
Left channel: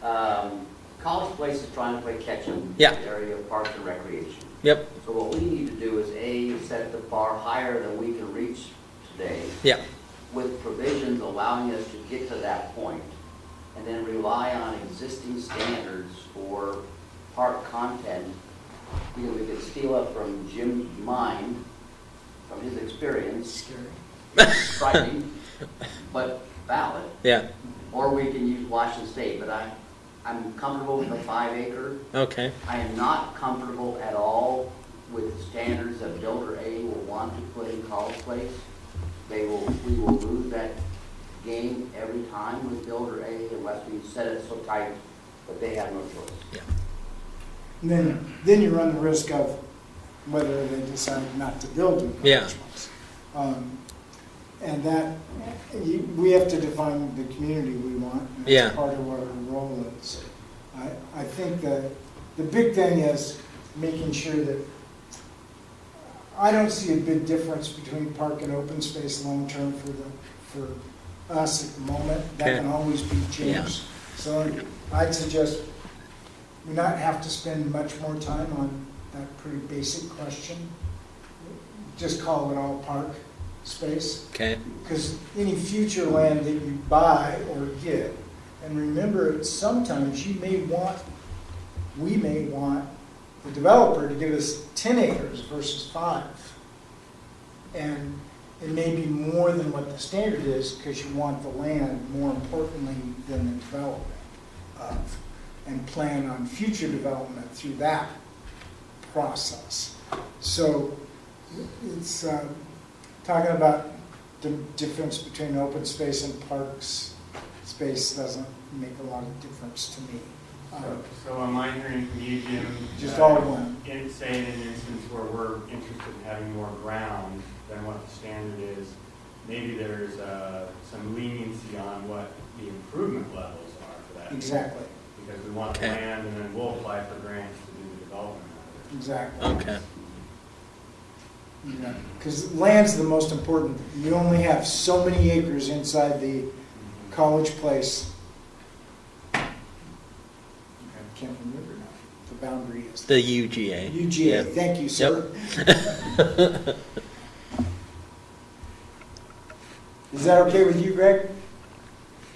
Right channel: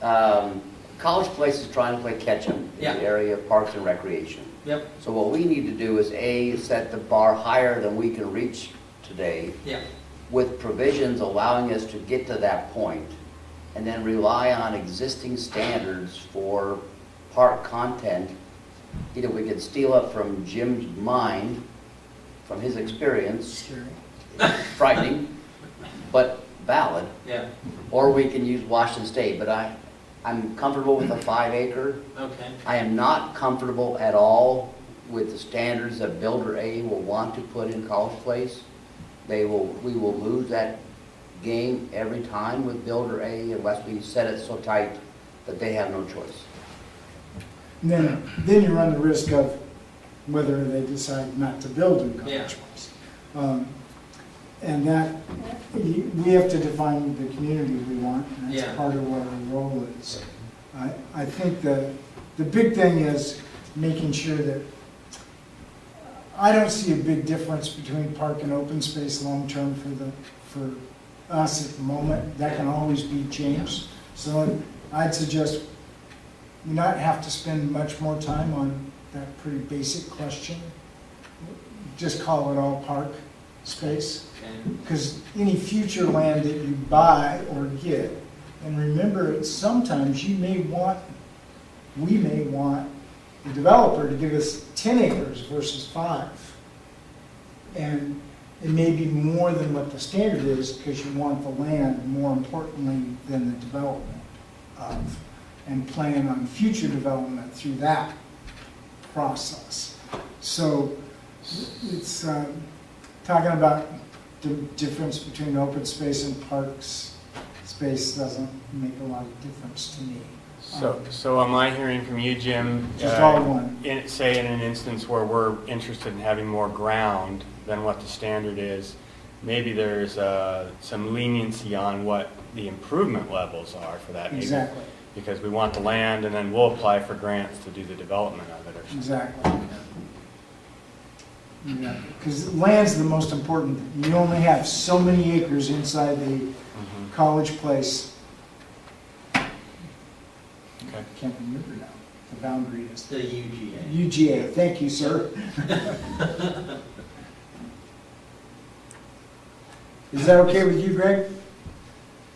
College Place is trying to play catch-up in Yeah. the area of parks and recreation. Yep. So what we need to do is, A, set the bar higher than we can reach today, Yeah. with provisions allowing us to get to that point, and then rely on existing standards for park content. Either we could steal up from Jim's mind, from his experience, Scary. frightening, but valid, Yeah. or we can use Washington State. But I'm comfortable with a 5 acre. Okay. I am not comfortable at all with the standards that Builder A will want to put in College Place. We will lose that game every time with Builder A unless we set it so tight that they have no choice. And then you run the risk of whether they decide not to build a college Yeah. ones. And that, we have to define the community we want, and Yeah. that's part of what our role is. I think the big thing is making sure that, I don't see a big difference between park and open space long-term for us at the moment. That Okay. can always be changed. So I'd suggest we not have to spend much more time on that pretty basic question. Just call it all park space. Okay. Because any future land that you buy or get, and remember, sometimes we may want the developer to give us 10 acres versus 5. And it may be more than what the standard is, because you want the land more importantly than the development of, and plan on future development through that process. So it's talking about the difference between open space and parks space doesn't make a lot of difference to me. So am I hearing from you, Jim? Just all one. Say in an instance where we're interested in having more ground than what the standard is, maybe there's some leniency on what the improvement levels are for that. Maybe, Exactly, because we want the land, and then we'll apply for grants to do the development of it or something. exactly. Okay. Because land's the most important. You only have so many acres inside the college place. Okay. Can't remember now. The boundary is. The UGA. UGA, Yep. thank you, sir. Is that okay with you, Greg?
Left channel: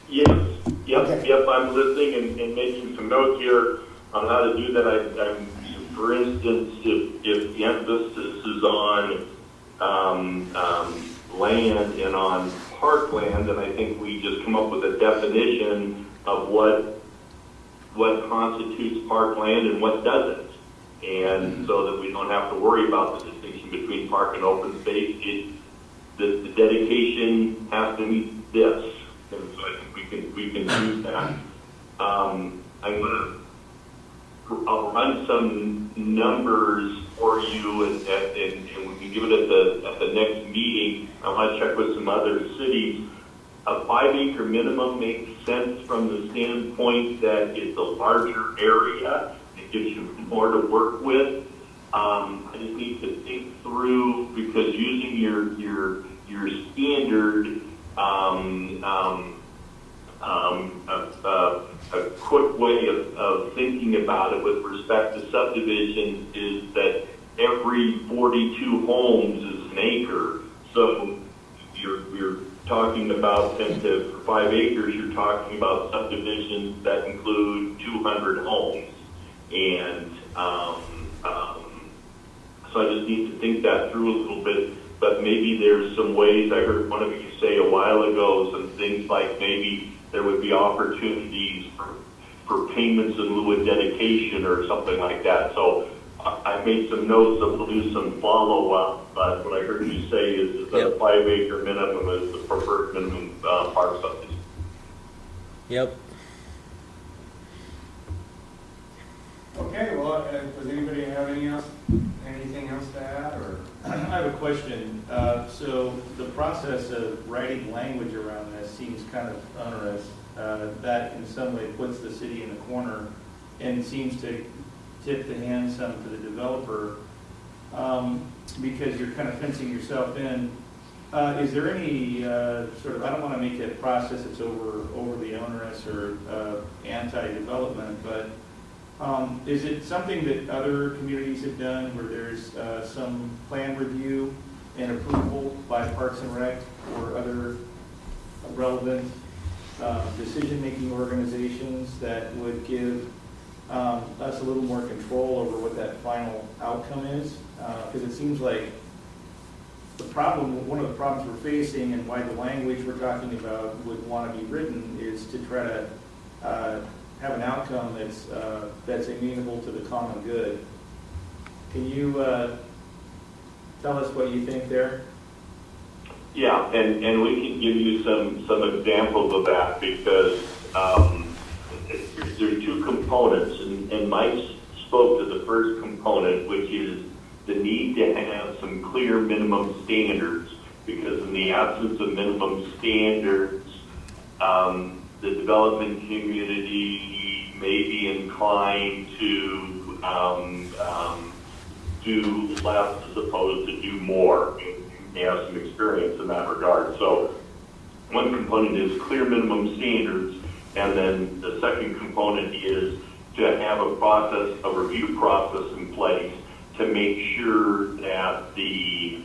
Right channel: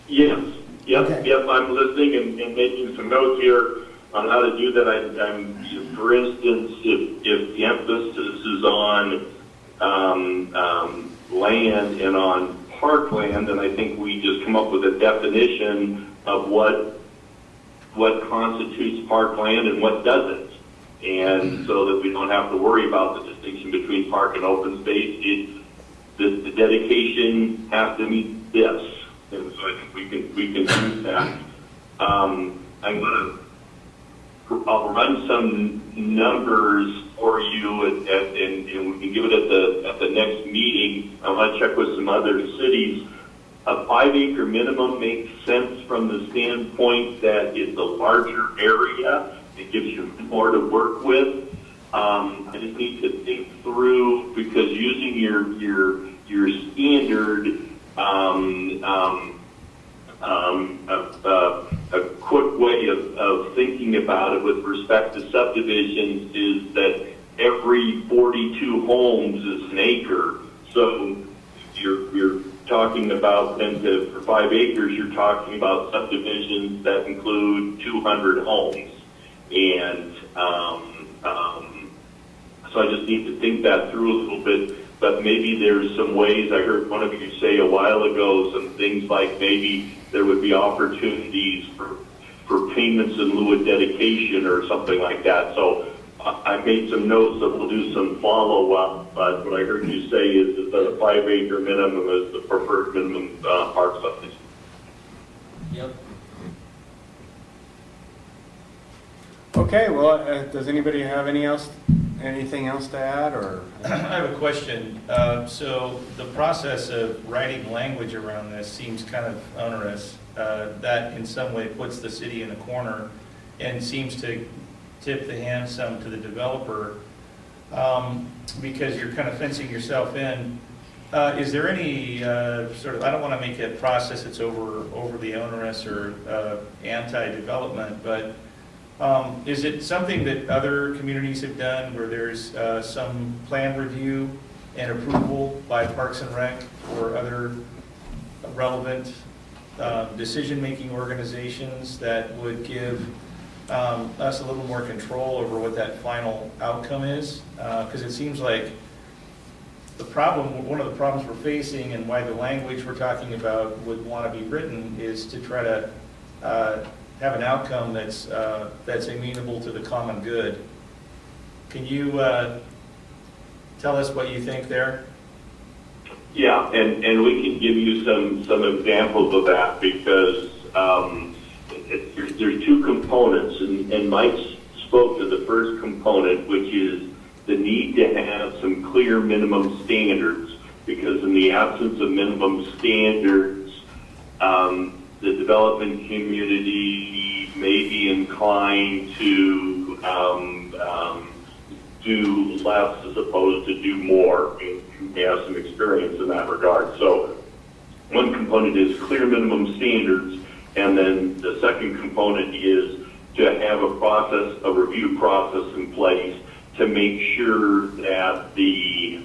Yes, yep, Okay. yep, I'm listening and making some notes here on how to do that. I'm, for instance, if the emphasis is on land and on parkland, then I think we just come up with a definition of what constitutes parkland and what doesn't. And so that we don't have to worry about the distinction between park and open space. The dedication has to meet this. And so I think we can use that. I'll run some numbers for you, and we can give it at the next meeting. I want to check with some other cities. A 5-acre minimum makes sense from the standpoint that it's a larger area. It gives you more to work with. I just need to think through, because using your standard, a quick way of thinking about it with respect to subdivisions is that every 42 homes is an acre. So you're talking about, and for 5 acres, you're talking about subdivisions that include 200 homes. And so I just need to think that through a little bit. But maybe there's some ways, I heard one of you say a while ago, some things like maybe there would be opportunities for payments in lieu of dedication or something like that. So I made some notes that we'll do some follow-up, but what I heard you say is that a 5-acre minimum is the preferred minimum park subdivision. Yep. Okay, well, does anybody have anything else to add, or? I have a question. So the process of writing language around this seems kind of onerous. That in some way puts the city in a corner and seems to tip the hand some to the developer, because you're kind of fencing yourself in. Is there any sort of, I don't want to make a process that's overly onerous or anti-development, but is it something that other communities have done where there's some plan review and approval by Parks and Rec or other relevant decision-making organizations that would give us a little more control over what that final outcome is? Because it seems like one of the problems we're facing, and why the language we're talking about would want to be written, is to try to have an outcome that's amenable to the common good. Can you tell us what you think there? Yeah, and we can give you some examples of that, because there's 2 components, and Mike spoke to the first component, which is the need to have some clear minimum standards, because in the absence of minimum standards, the development community may be inclined to do less as opposed to do more. We have some experience in that regard. So one component is clear minimum standards, and then the second component is to have a review process in place to make sure that the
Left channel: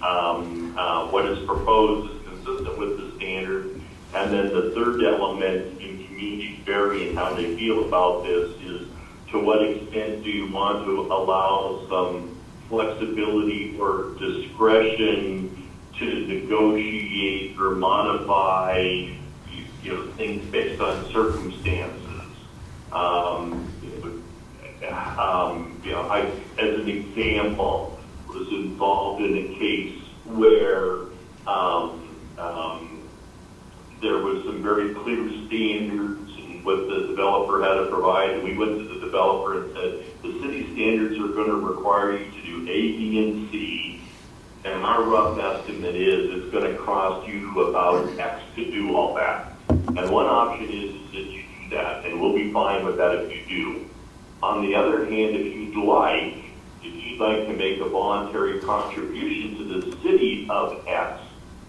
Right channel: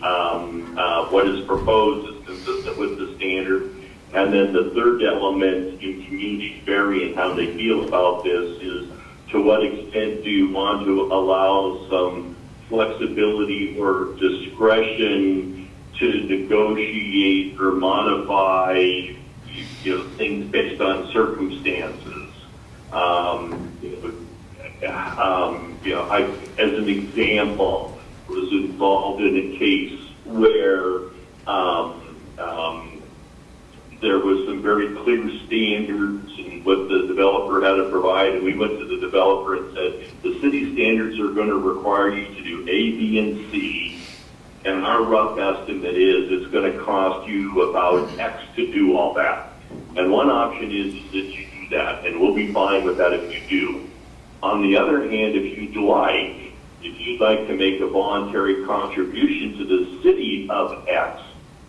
what is proposed is consistent with the standard. And then the third element, in communities vary in how they feel about this, is to what extent do you want to allow some flexibility or discretion to negotiate or modify things based on circumstances. As an example, was involved in a case where there was some very clear standards and what the developer had to provide, and we went to the developer and said, the city standards are going to require you to do A, B, and C, and my rough estimate is it's going to cost you about X to do all that. And one option is that you do that, and we'll be fine with that if you do. On the other hand, if you'd like to make a voluntary contribution to the city of X,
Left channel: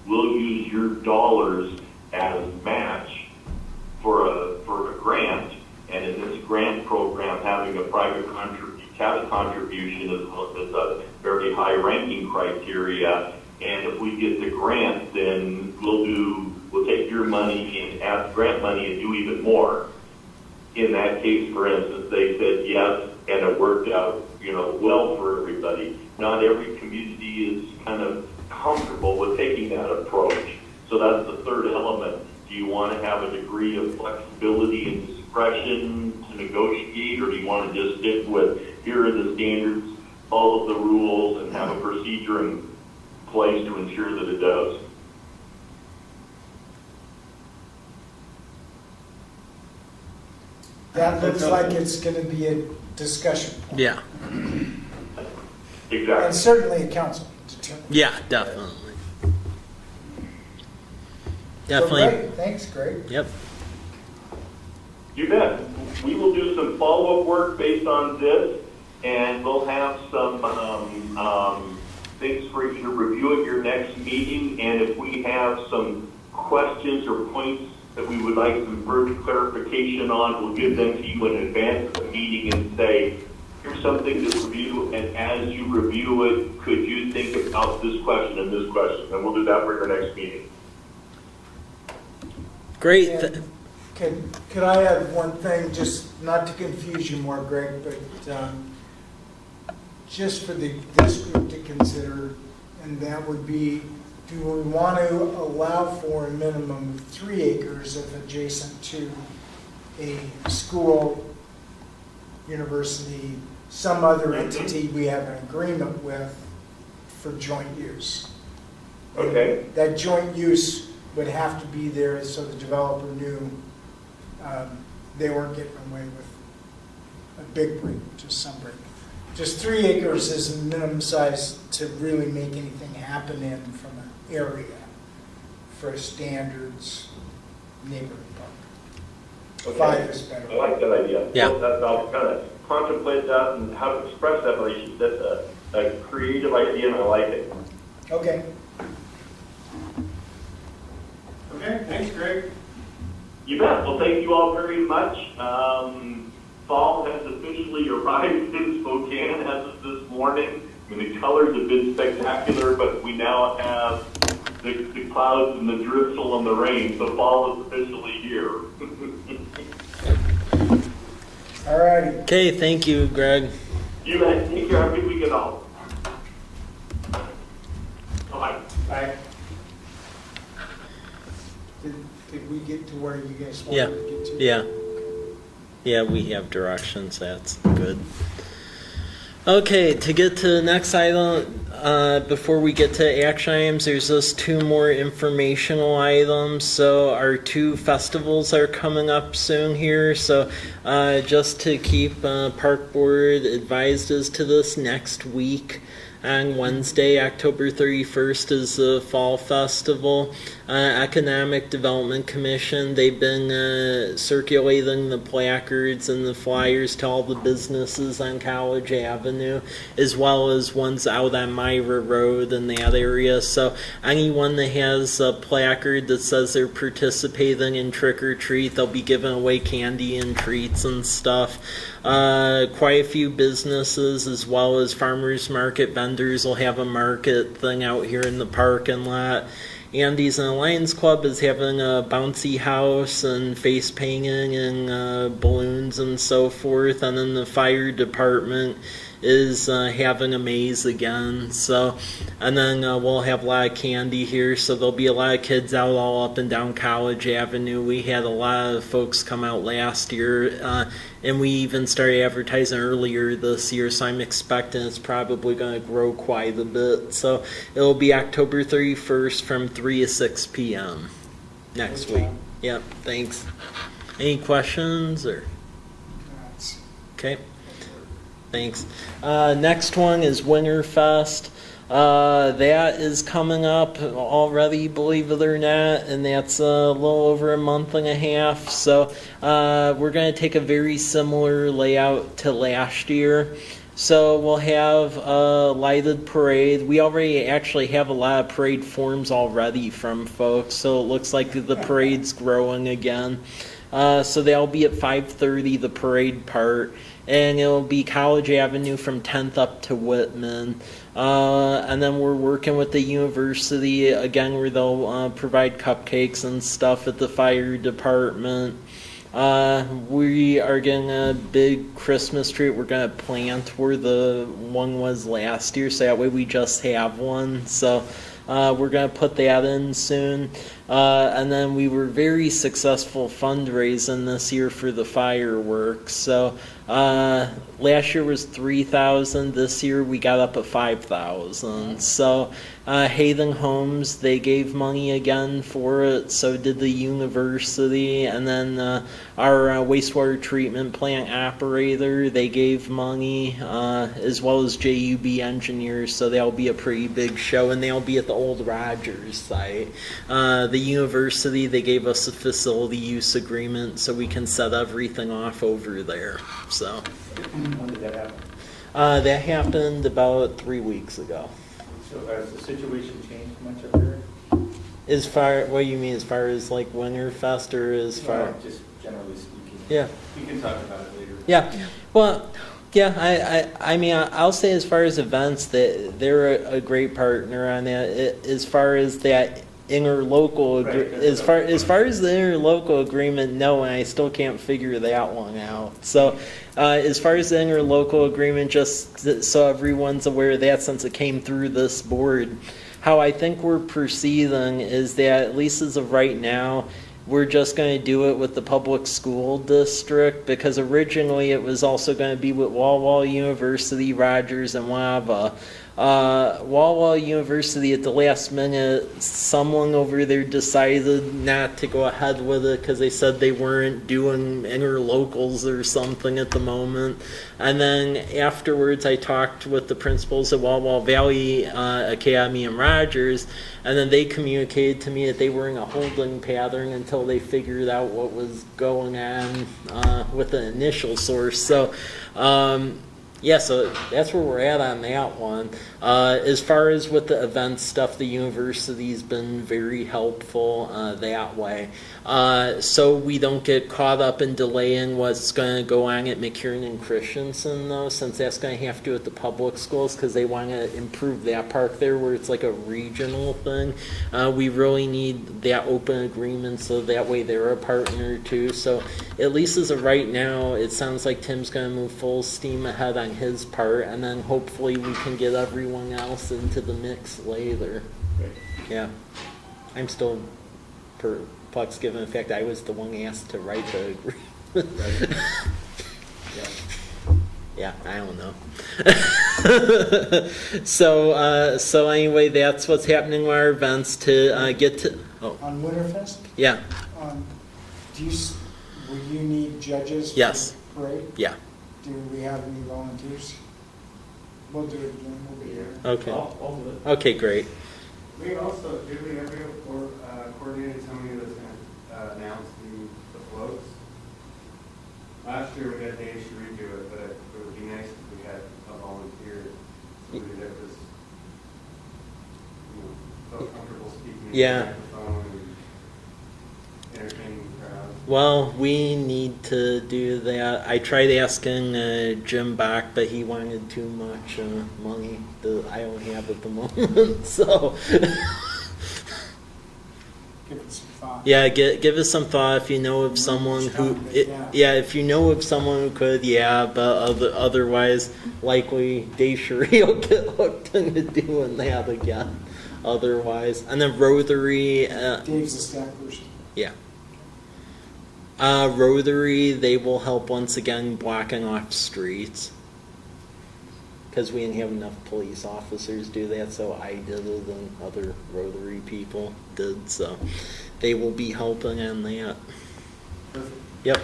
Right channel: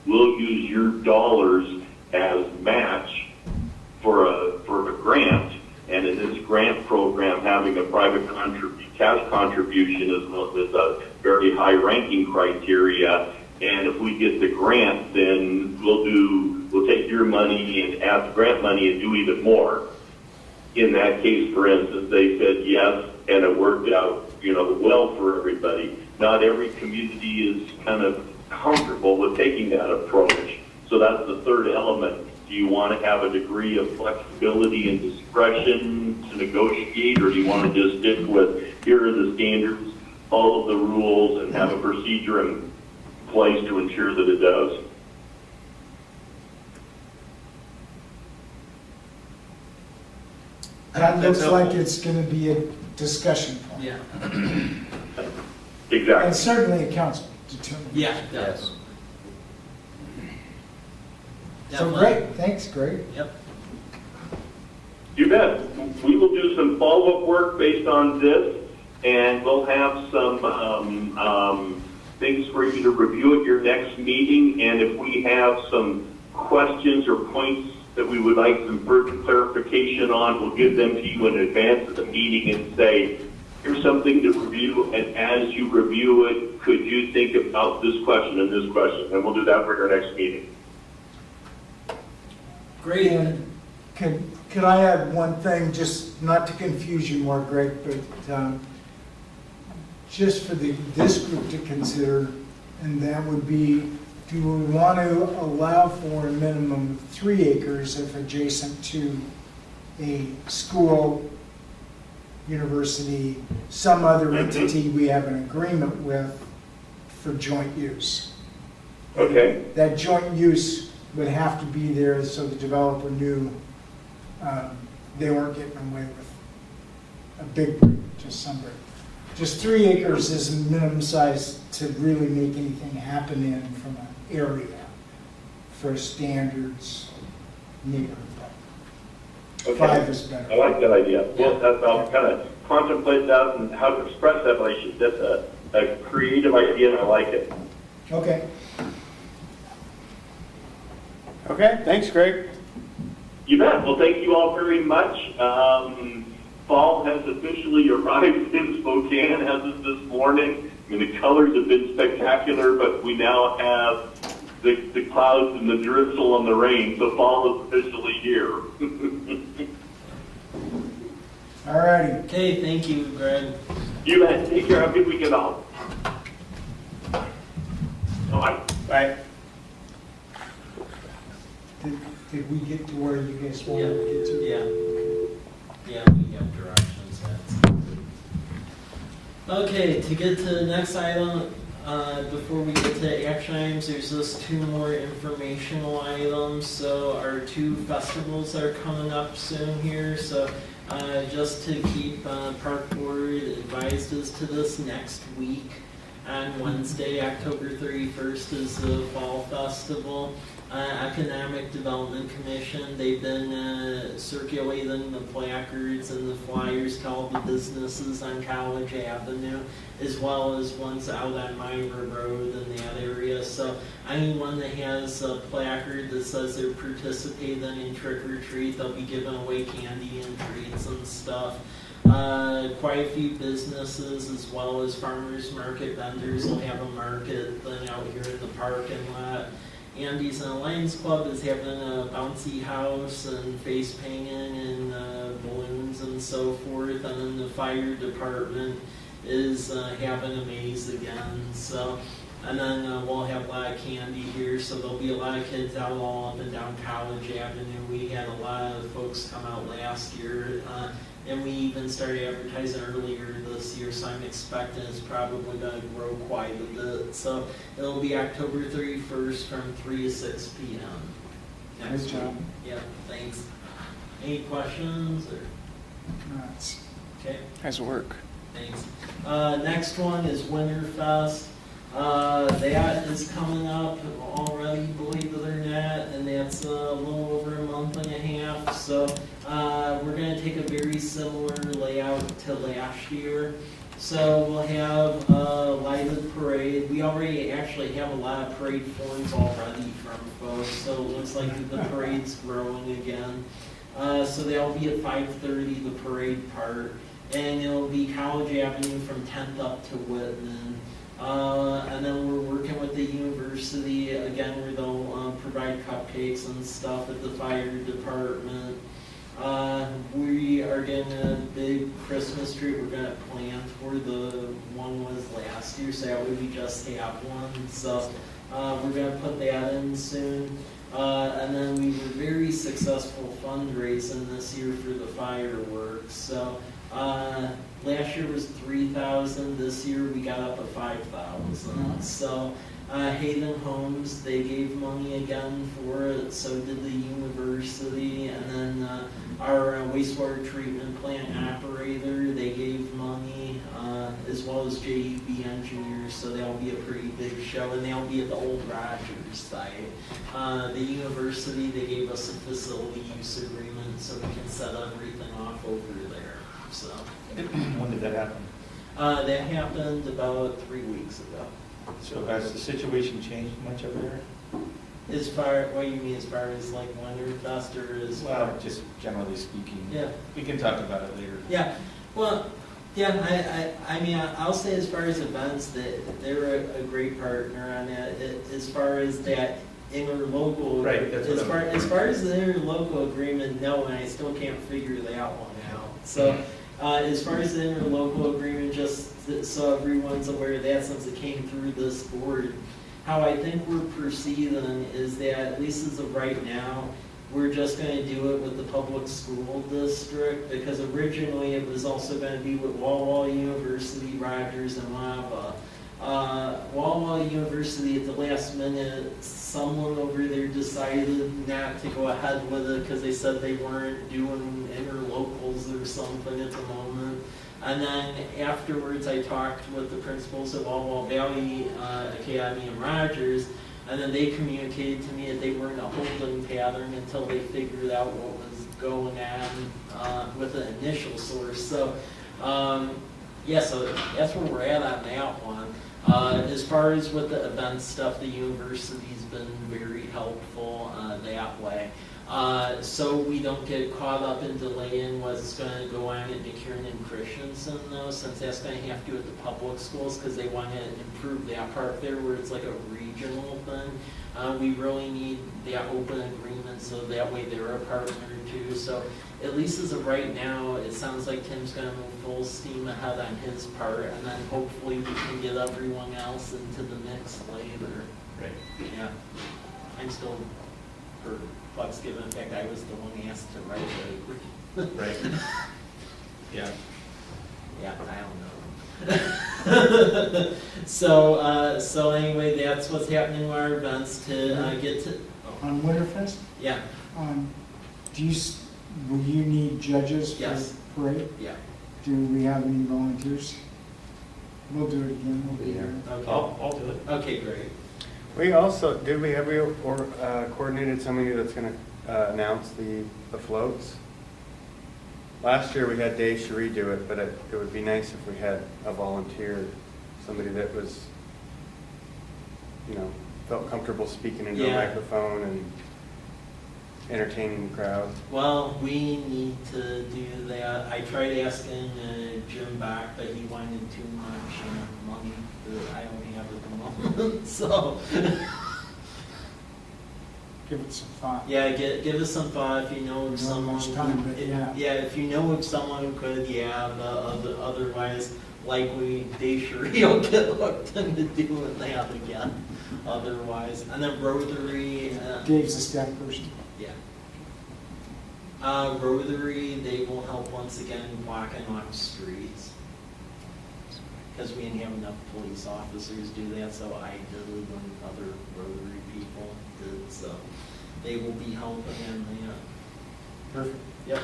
we'll use your dollars as match for a grant. And in this grant program, having a private cash contribution is a very high ranking criteria. And if we get the grant, then we'll take your money and ask grant money and do even more. In that case, for instance, they said yes, and it worked out, well for everybody. Not every community is kind of comfortable with taking that approach. So that's the third element. Do you want to have a degree of flexibility and discretion to negotiate, or do you want to just stick with, here are the standards, follow the rules, and have a procedure in place to ensure that it does? That looks like it's going to be a discussion point. Yeah. Exactly. And certainly a council determination. Yeah, definitely. So Definitely. great, thanks, Greg. Yep. You bet. We will do some follow-up work based on this, and we'll have some things for you to review at your next meeting. And if we have some questions or points that we would like some further clarification on, we'll give them to you in advance of the meeting and say, here's something to review, and as you review it, could you think about this question and this question? And we'll do that for your next meeting. Great. And could I add one thing, just not to confuse you more, Greg, but just for this group to consider, and that would be, do we want to allow for a minimum of 3 acres if adjacent to a school, university, some other entity we have an agreement with for joint use? Okay. That joint use would have to be there so the developer knew they weren't getting away with a big break, just some break. Just 3 acres is a minimum size to really make anything happen in from an area for standards neighborhood park. Okay. 5 is better. I like that idea. Yeah. Well, I'll kind of contemplate that and how to express that, but that's a creative idea, and I like it. Okay. Okay, thanks, Greg. You bet. Well, thank you all very much. Fall has officially arrived in Spokane as of this morning. I mean, the colors have been spectacular, but we now have the clouds and the drizzle and the rain, so fall is officially here. All righty. Okay, thank you, Greg. You bet. Take care. Have a good weekend all. Bye. Bye. Did we get to where you guys Yeah. wanted to get to? Yeah. Yeah, we have directions. That's good. Okay, to get to the next item, before we get to action items, there's just 2 more informational items. So our 2 festivals are coming up soon here. So just to keep Park Board advised as to this, next week on Wednesday, October 31st, is the Fall Festival. Economic Development Commission, they've been circulating the placards and the flyers to all the businesses on College Avenue, as well as ones out on Myra Road and that area. So anyone that has a placard that says they're participating in Trick or Treat, they'll be giving away candy and treats and stuff. Quite a few businesses as well as farmers market vendors will have a market thing out here in the parking lot. Andy's and Lions Club is having a bouncy house and face painting and balloons and so forth. And then the fire department is having a maze again. So, and then we'll have a lot of candy here. So there'll be a lot of kids out all up and down College Avenue. We had a lot of folks come out last year. And we even started advertising earlier this year, so I'm expecting it's probably going to grow quite a bit. So it'll be October 31st from 3 to 6 p.m. next Good week. job. Yep, thanks. Any questions or, It's- okay? Nice work. Thanks. Next one is Winterfest. That is coming up already, believe it or not, and that's a little over a month and a half. So we're going to take a very similar layout to last year. So we'll have a lighted parade. We already actually have a lot of parade forms already from folks, so it looks like the parade's growing again. So they'll be at 5:30, the parade part, and it'll be College Avenue from 10th up to Whitman. And then we're working with the university again, where they'll provide cupcakes and stuff at the fire department. We are getting a big Christmas tree. We're gonna plant where the one was last year, so that way we just have one. So we're gonna put that in soon. And then we were very successful fundraising this year for the fireworks. So last year was 3,000. This year we got up at 5,000. So Hayden Homes, they gave money again for it. So did the university, and then our wastewater treatment plant operator, they gave money, as well as JUB engineers. So that'll be a pretty big show, and they'll be at the old Rogers site. The university, they gave us a facility use agreement, so we can set everything off over there. So When did that happen? that happened about 3 weeks ago. So has the situation changed much up there? As far, what do you mean, as far as like Winterfest, or as far? Well, just generally speaking. Yeah. We can talk about it later. Yeah, well, yeah, I mean, I'll say as far as events, that they're a great partner on that. As far as that interlocal, Right, that's as what far as the interlocal agreement, no, and I still can't figure that one out. So, as far as the interlocal agreement, just so everyone's aware of that, since it came through this board, how I think we're proceeding is that, at least as of right now, we're just going to do it with the public school district, because originally it was also going to be with Walla Walla University, Rogers, and Wava. Walla Walla University, at the last minute, someone over there decided not to go ahead with it because they said they weren't doing interlocals or something at the moment. And then afterwards, I talked with the principals at Walla Walla Valley Academy and Rogers, and then they communicated to me that they were in a holding pattern until they figured out what was going on with the initial source. So, yeah, so that's where we're at on that one. As far as with the event stuff, the university's been very helpful that way. So we don't get caught up in delaying what's going to go on at McKiernan and Christensen, though, since that's going to have to do with the public schools, because they want to improve that part there where it's like a regional thing. We really need that open agreement, so that way they're a partner too. So at least as of right now, it sounds like Tim's going to move full steam ahead on his part, and then hopefully we can get everyone else into the mix later. Right. Yeah. I'm still perplexed, given the fact I was the one asked to write the agreement. Right. Yeah. Yeah, I don't know. So anyway, that's what's happening with our events to get to. Oh, On Winterfest, yeah, will you need judges Yes. for parade? yeah. Do we have any volunteers? We'll do it again, we'll be here. Okay. I'll do it. Okay, great. We also, did we, have we coordinated somebody that's gonna announce the floats? Last year we had Dave Cherie do it, but it would be nice if we had a volunteer, somebody that was, felt comfortable speaking into Yeah. a microphone and entertaining the crowd. Well, we need to do that. I tried asking Jim Bach, but he wanted too much money that I don't have at the moment. So, Give it some thought. yeah, give us some thought if you know of someone who, if you know of someone who could, yeah, but otherwise, likely Dave Cherie will get hooked into doing that again. Otherwise, and then Rotary. Dave's a staff person. Yeah. Rotary, they will help once again blocking off streets. Because we didn't have enough police officers do that, so I did it and other Rotary people did, so they will be helping on that. Perfect. Yep.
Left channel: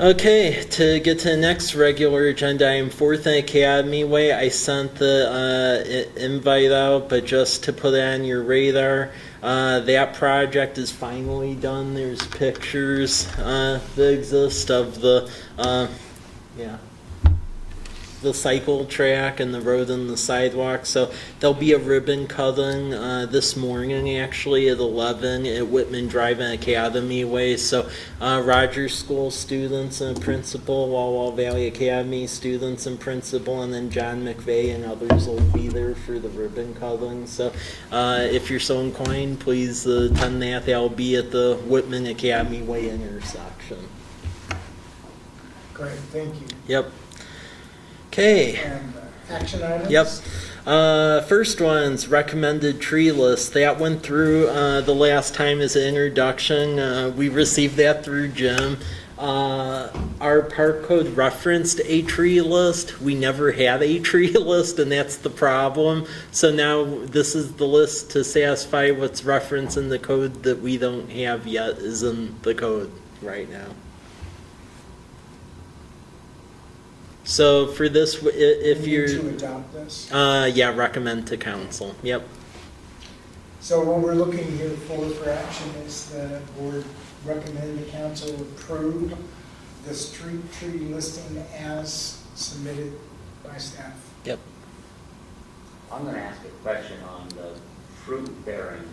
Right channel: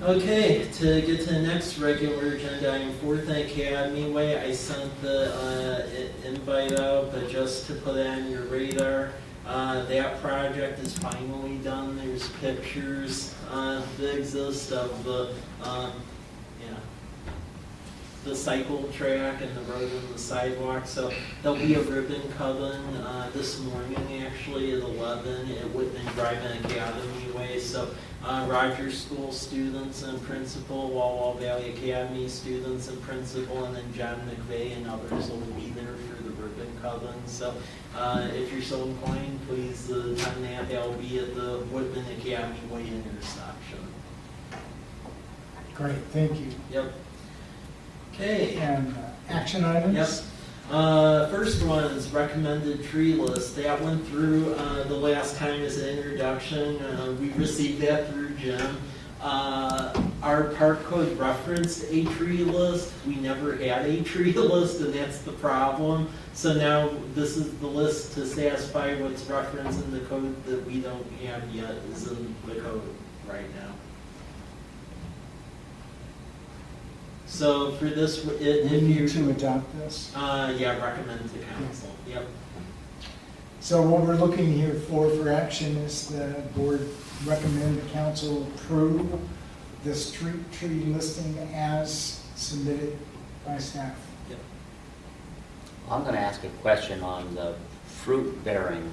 Okay, to get to the next regular agenda item, 4th and Academy Way. I sent the invite out, but just to put it on your radar, that project is finally done. There's pictures that exist of the the cycle track and the road and the sidewalk. So there'll be a ribbon cutting this morning, actually, at 11 at Whitman Drive and Academy Way. So Rogers School students and principal, Walla Valley Academy students and principal, and then John McVeigh and others will be there for the ribbon cutting. So if you're so inclined, please attend that. That'll be at the Whitman Academy Way intersection. Great, thank you. Yep. Okay. And action items? Yep. First one's recommended tree list. That went through the last time as an introduction. We received that through Jim. Our park code referenced a tree list. We never had a tree list, and that's the problem. So now this is the list to satisfy what's referenced in the code that we don't have yet is in the code right now. So for this, if We you're... need to adopt this. Yeah, recommend to council. Yep. So what we're looking here for action is the board recommend the council approve the street tree listing as submitted by staff. Yep. I'm gonna ask a question on the fruit-bearing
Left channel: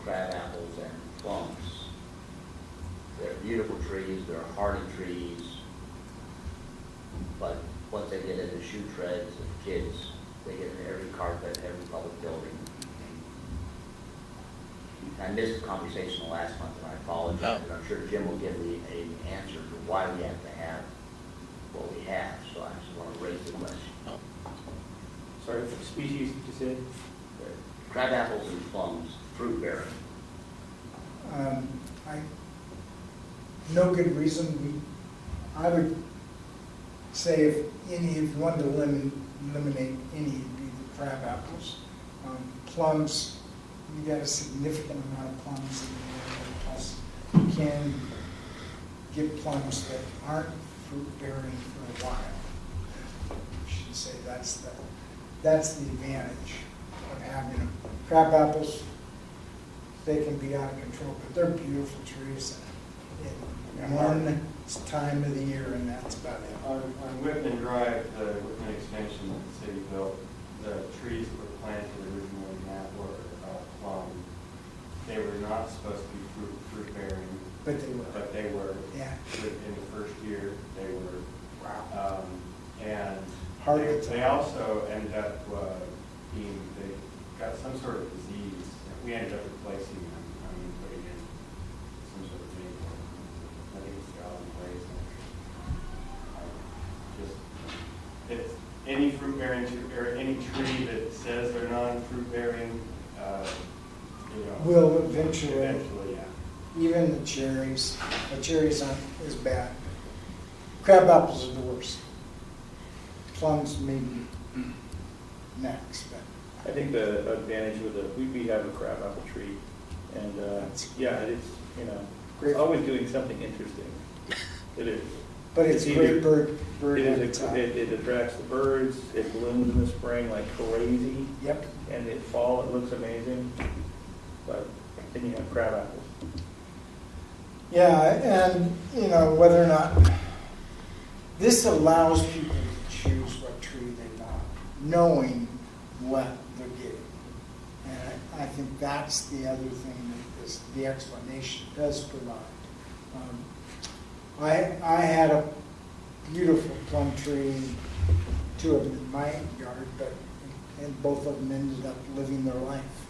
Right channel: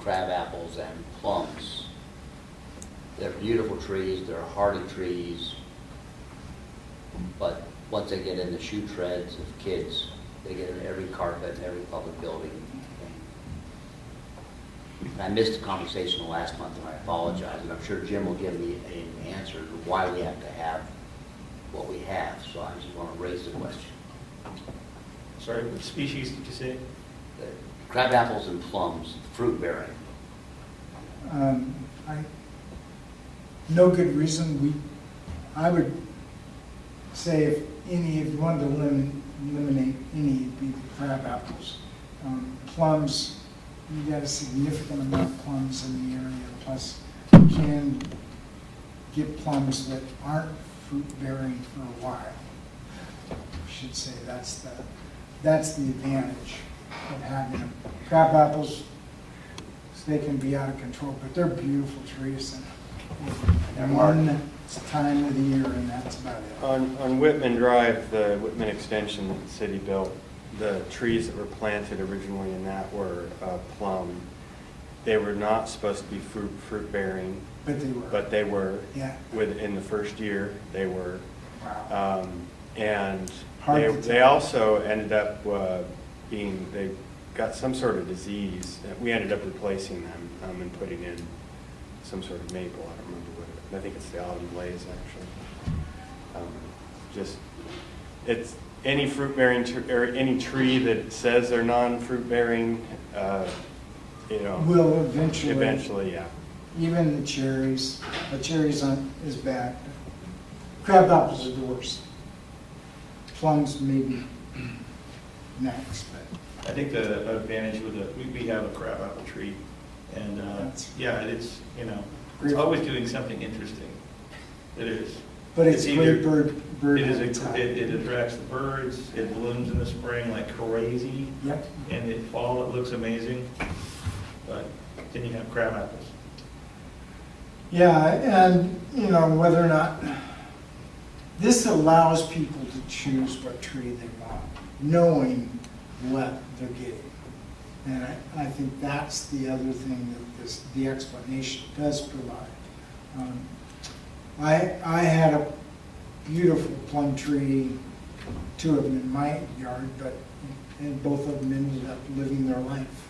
crab apples and plums. They're beautiful trees, they're hardy trees, but once they get in the shoe treads of kids, they get in every carpet, every public building. And I missed the conversation last month, and I apologize, and I'm sure Jim will give me an answer to why we have to have what we have, so I just want to raise the question. Sorry, what species did you say? The crab apples and plums, fruit-bearing. No good reason. I would say if you wanted to eliminate any, it'd be the crab apples. Plums, you got a significant amount of plums in the area, plus you can get plums that aren't fruit bearing for a while. I should say that's the advantage of having them. Crab apples, they can be out of control, but they're beautiful trees. And one time of the year, and that's about it. On Whitman Drive, the Whitman extension that the city built, the trees that were planted originally in that were plum. They were not supposed to be fruit bearing, But they were. Yeah. In the first year they were. Wow. And Hard to they tell. also ended up they got some sort of disease. We ended up replacing them and putting in some sort of maple. I don't remember what. I think it's the autumn blaze actually. It's any fruit bearing or any tree that says they're non-fruit bearing. Will eventually. Eventually, yeah. Even the cherries aren't as bad. Crab apples are the worst. Plums maybe next, but I think the advantage with we have a crab apple tree, and yeah, it's it's always doing something interesting. It is. But it's either- great bird It is. habitat. It attracts the birds. It blooms in the spring like crazy, Yep. and in fall it looks amazing. But then you have crab apples. Yeah, and whether or not this allows people to choose what tree they want, knowing what they're getting. And I think that's the other thing that the explanation does provide. I had a beautiful plum tree, 2 of them in my yard, and both of them ended up living their life.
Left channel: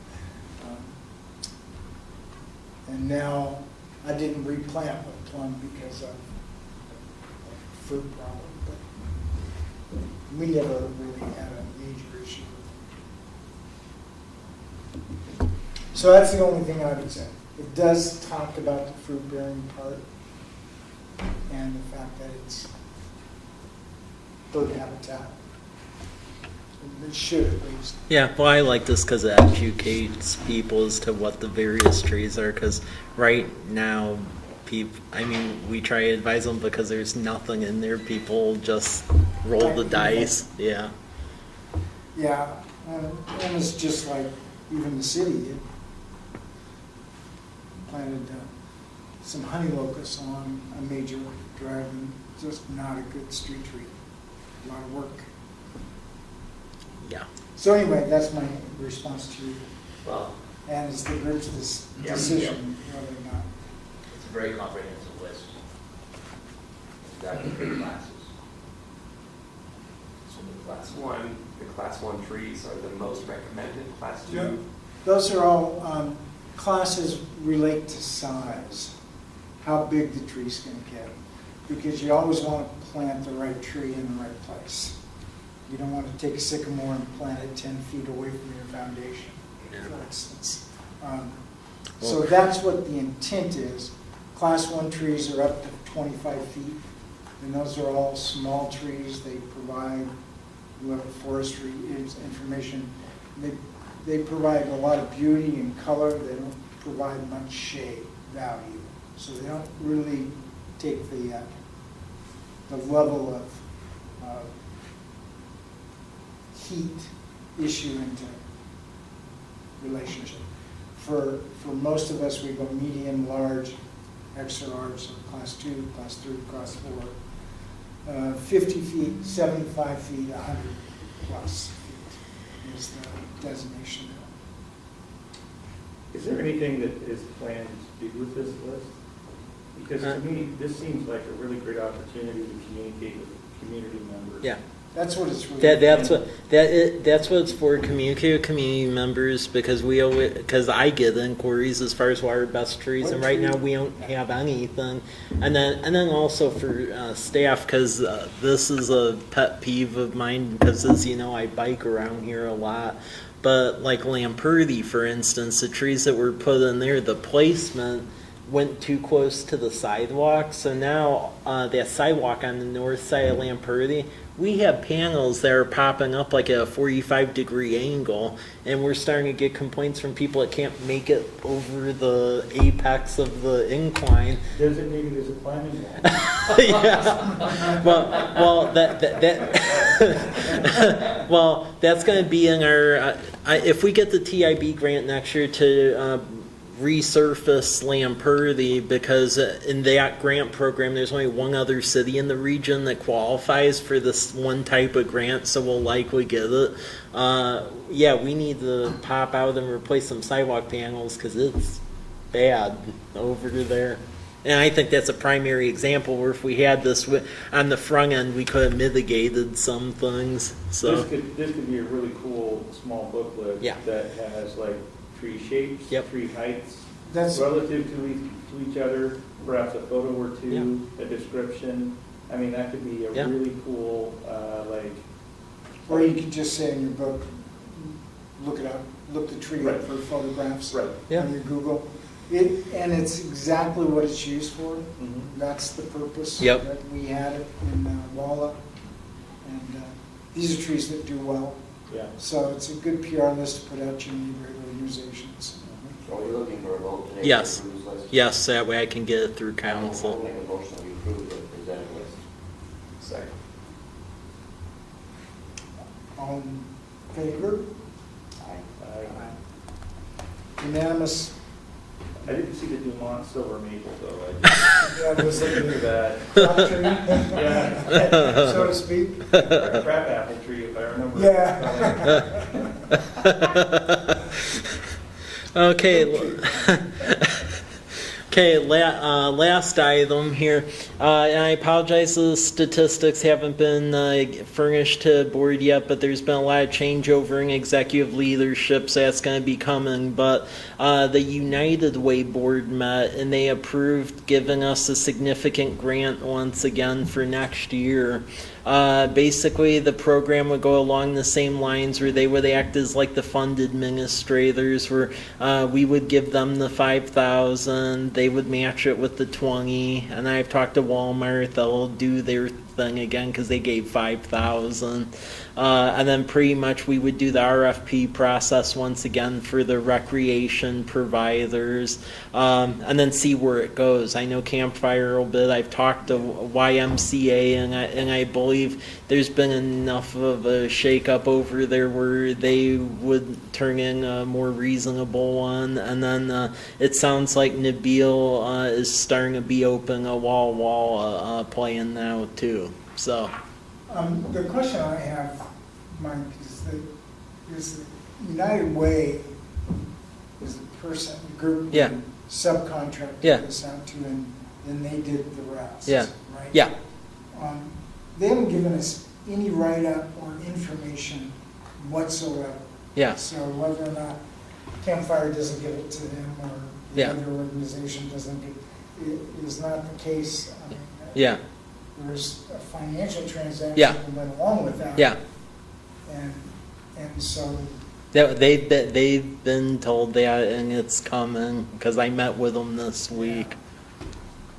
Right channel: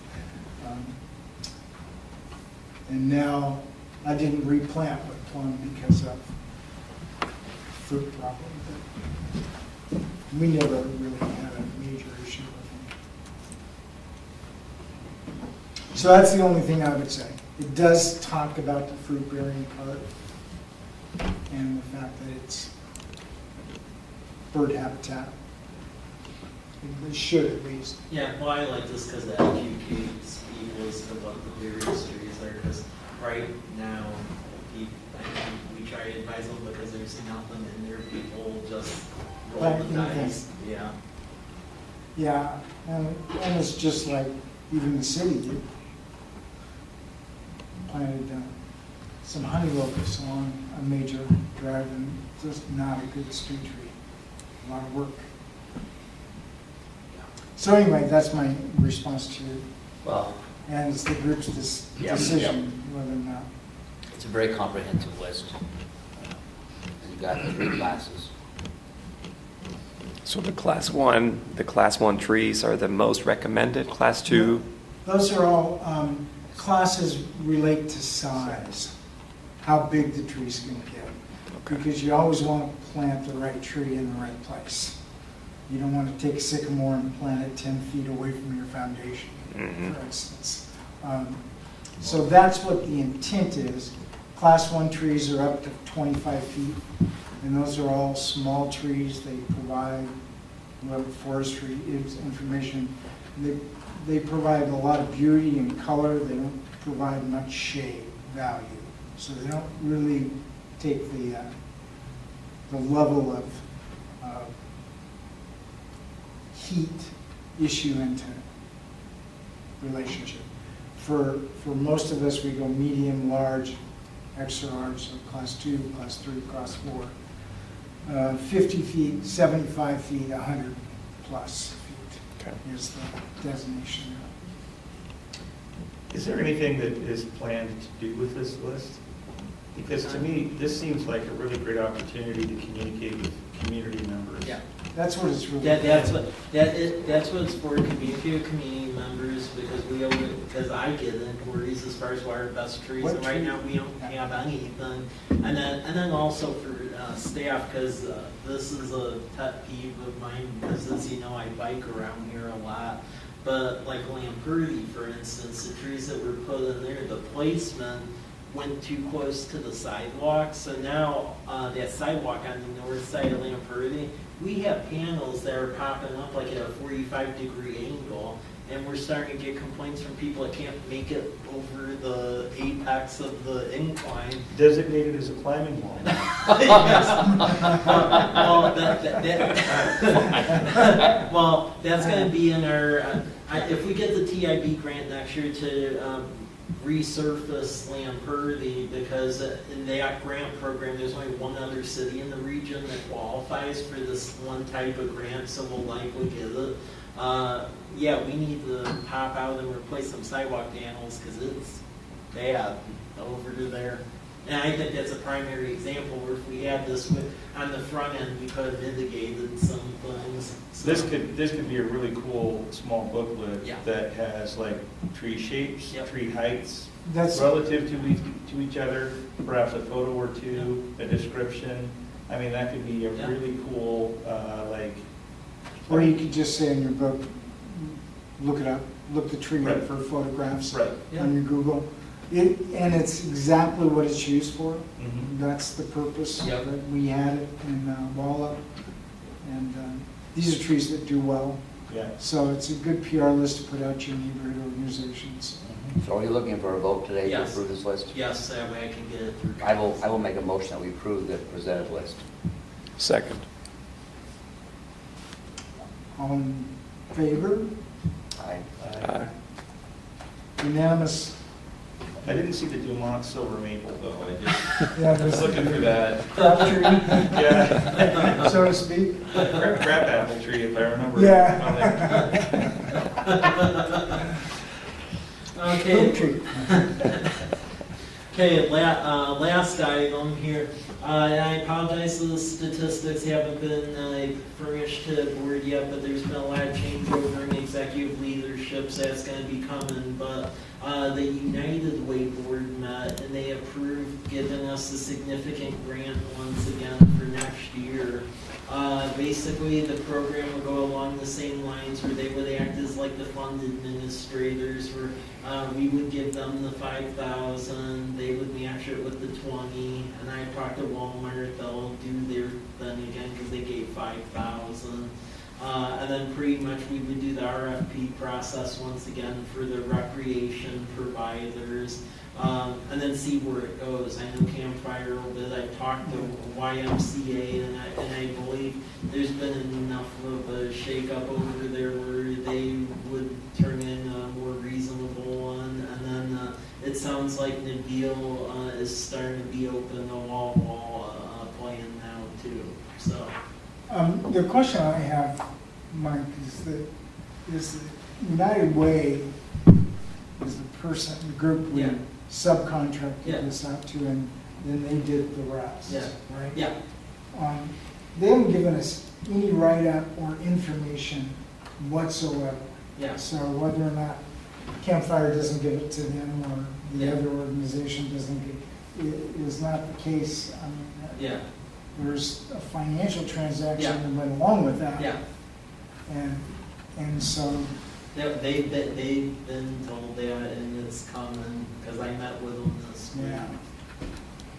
And now I didn't replant with plum because of fruit problem, but we never really had a major issue with them. So that's the only thing I would say. It does talk about the fruit bearing part and the fact that it's bird habitat. It should at least. Yeah, well, I like this because it educates people as to what the various trees are, because right now we try to advise them because there's nothing in there. People just roll the Right. dice. Yeah. Yeah, and it's just like even the city did. Planted some honey locusts along a major drive, and just not a good street tree. A lot of work. Yeah. So anyway, that's my response to you. Well, And it's the group's Yeah. decision whether or not. it's a very comprehensive list. You've got different classes. So the class one trees are the most recommended, class two? Those are all, classes relate to size, how big the tree's gonna get. Because you always want to plant the right tree in the right place. You don't want to take a sycamore and plant it 10 feet away from your foundation, Mhm. for instance. So that's what the intent is. Class 1 trees are up to 25 feet, and those are all small trees. They provide, whoever forestry is information, they provide a lot of beauty and color. They don't provide much shade value. So they don't really take the level of heat issue into relationship. For most of us, we go medium, large, extra large, so class 2, class 3, class 4. 50 feet, 75 feet, 100 plus feet is the designation. Is there anything that is planned to do with this list? Because to me, this seems like a really great opportunity to communicate with community members. Yeah. That's what it's really. That's what it's for. Communicate with community members because because I get inquiries as far as what are best trees, What and right tree? now we don't have anything. And then also for staff because this is a pet peeve of mine because as you know I bike around here a lot. But like Lamperti, for instance, the trees that were put in there, the placement went too close to the sidewalk. So now that sidewalk on the north side of Lamperti, we have panels that are popping up like at a 45-degree angle, and we're starting to get complaints from people that can't make it over the apex of the incline. Designated as a climbing wall. Yes. Well, that's going to be in our. If we get the TIB grant next year to resurface Lamperti, because in that grant program, there's only one other city in the region that qualifies for this one type of grant, so we'll likely get it. Yeah, we need to pop out and replace some sidewalk panels because it's bad over there. And I think that's a primary example where if we had this on the front end, we could have mitigated some things. So This could be a really cool small booklet Yeah. that has like tree shapes, Yep. tree heights, That's, relative to each other, perhaps a photo or two, a description. I mean, that could be a Yeah. really cool, like. or you could just say in your book, look it up, look the tree up Right. for photographs Right. Yeah. on your Google. And it's exactly what it's used for. Mhm. That's the purpose. Yep. That we had it in Walla. And these are trees that do well. Yeah. So it's a good PR list to put out to your neighborhood organizations. So are you looking for a vote today to Yes. approve this list? yes, that way I can get it through I will council. make a motion that we approve the presented list. Second. All in favor? Aye. Unanimous. I didn't see the Dumont silver maple though. I was Unanimous. looking for that. Crab tree, Yeah. so to speak. Crab apple tree, if I remember. Yeah. Okay. Okay, last item here, and I apologize the statistics haven't been furnished to the board yet, but there's been a lot of changeover in executive leadership, so that's going to be coming. But the United Way board met, and they approved giving us a significant grant once again for next year. Basically, the program would go along the same lines where they would act as like the fund administrators, where we would give them the $5,000, they would match it with the 20, and I've talked to Walmart, they'll do their thing again because they gave $5,000. And then pretty much we would do the RFP process once again for the recreation providers, and then see where it goes. I know Campfire a little bit. I've talked to YMCA, and I believe there's been enough of a shakeup over there where they would turn in a more reasonable one. And then it sounds like Nabil is starting to be open a wall playing now too. So. The question I have, Mike, is that United Way is the group Yeah. we subcontracted Yeah. this out to, and then they did the rest, Yeah. right? Yeah. They haven't given us any write-up or information whatsoever. Yeah. So whether or not Campfire doesn't give it to them or the Yeah. other organization doesn't give, it is not the case. I mean, Yeah. there's a financial transaction Yeah. that went along with that. Yeah. And so, They've been told that, and it's coming because I met with them this week.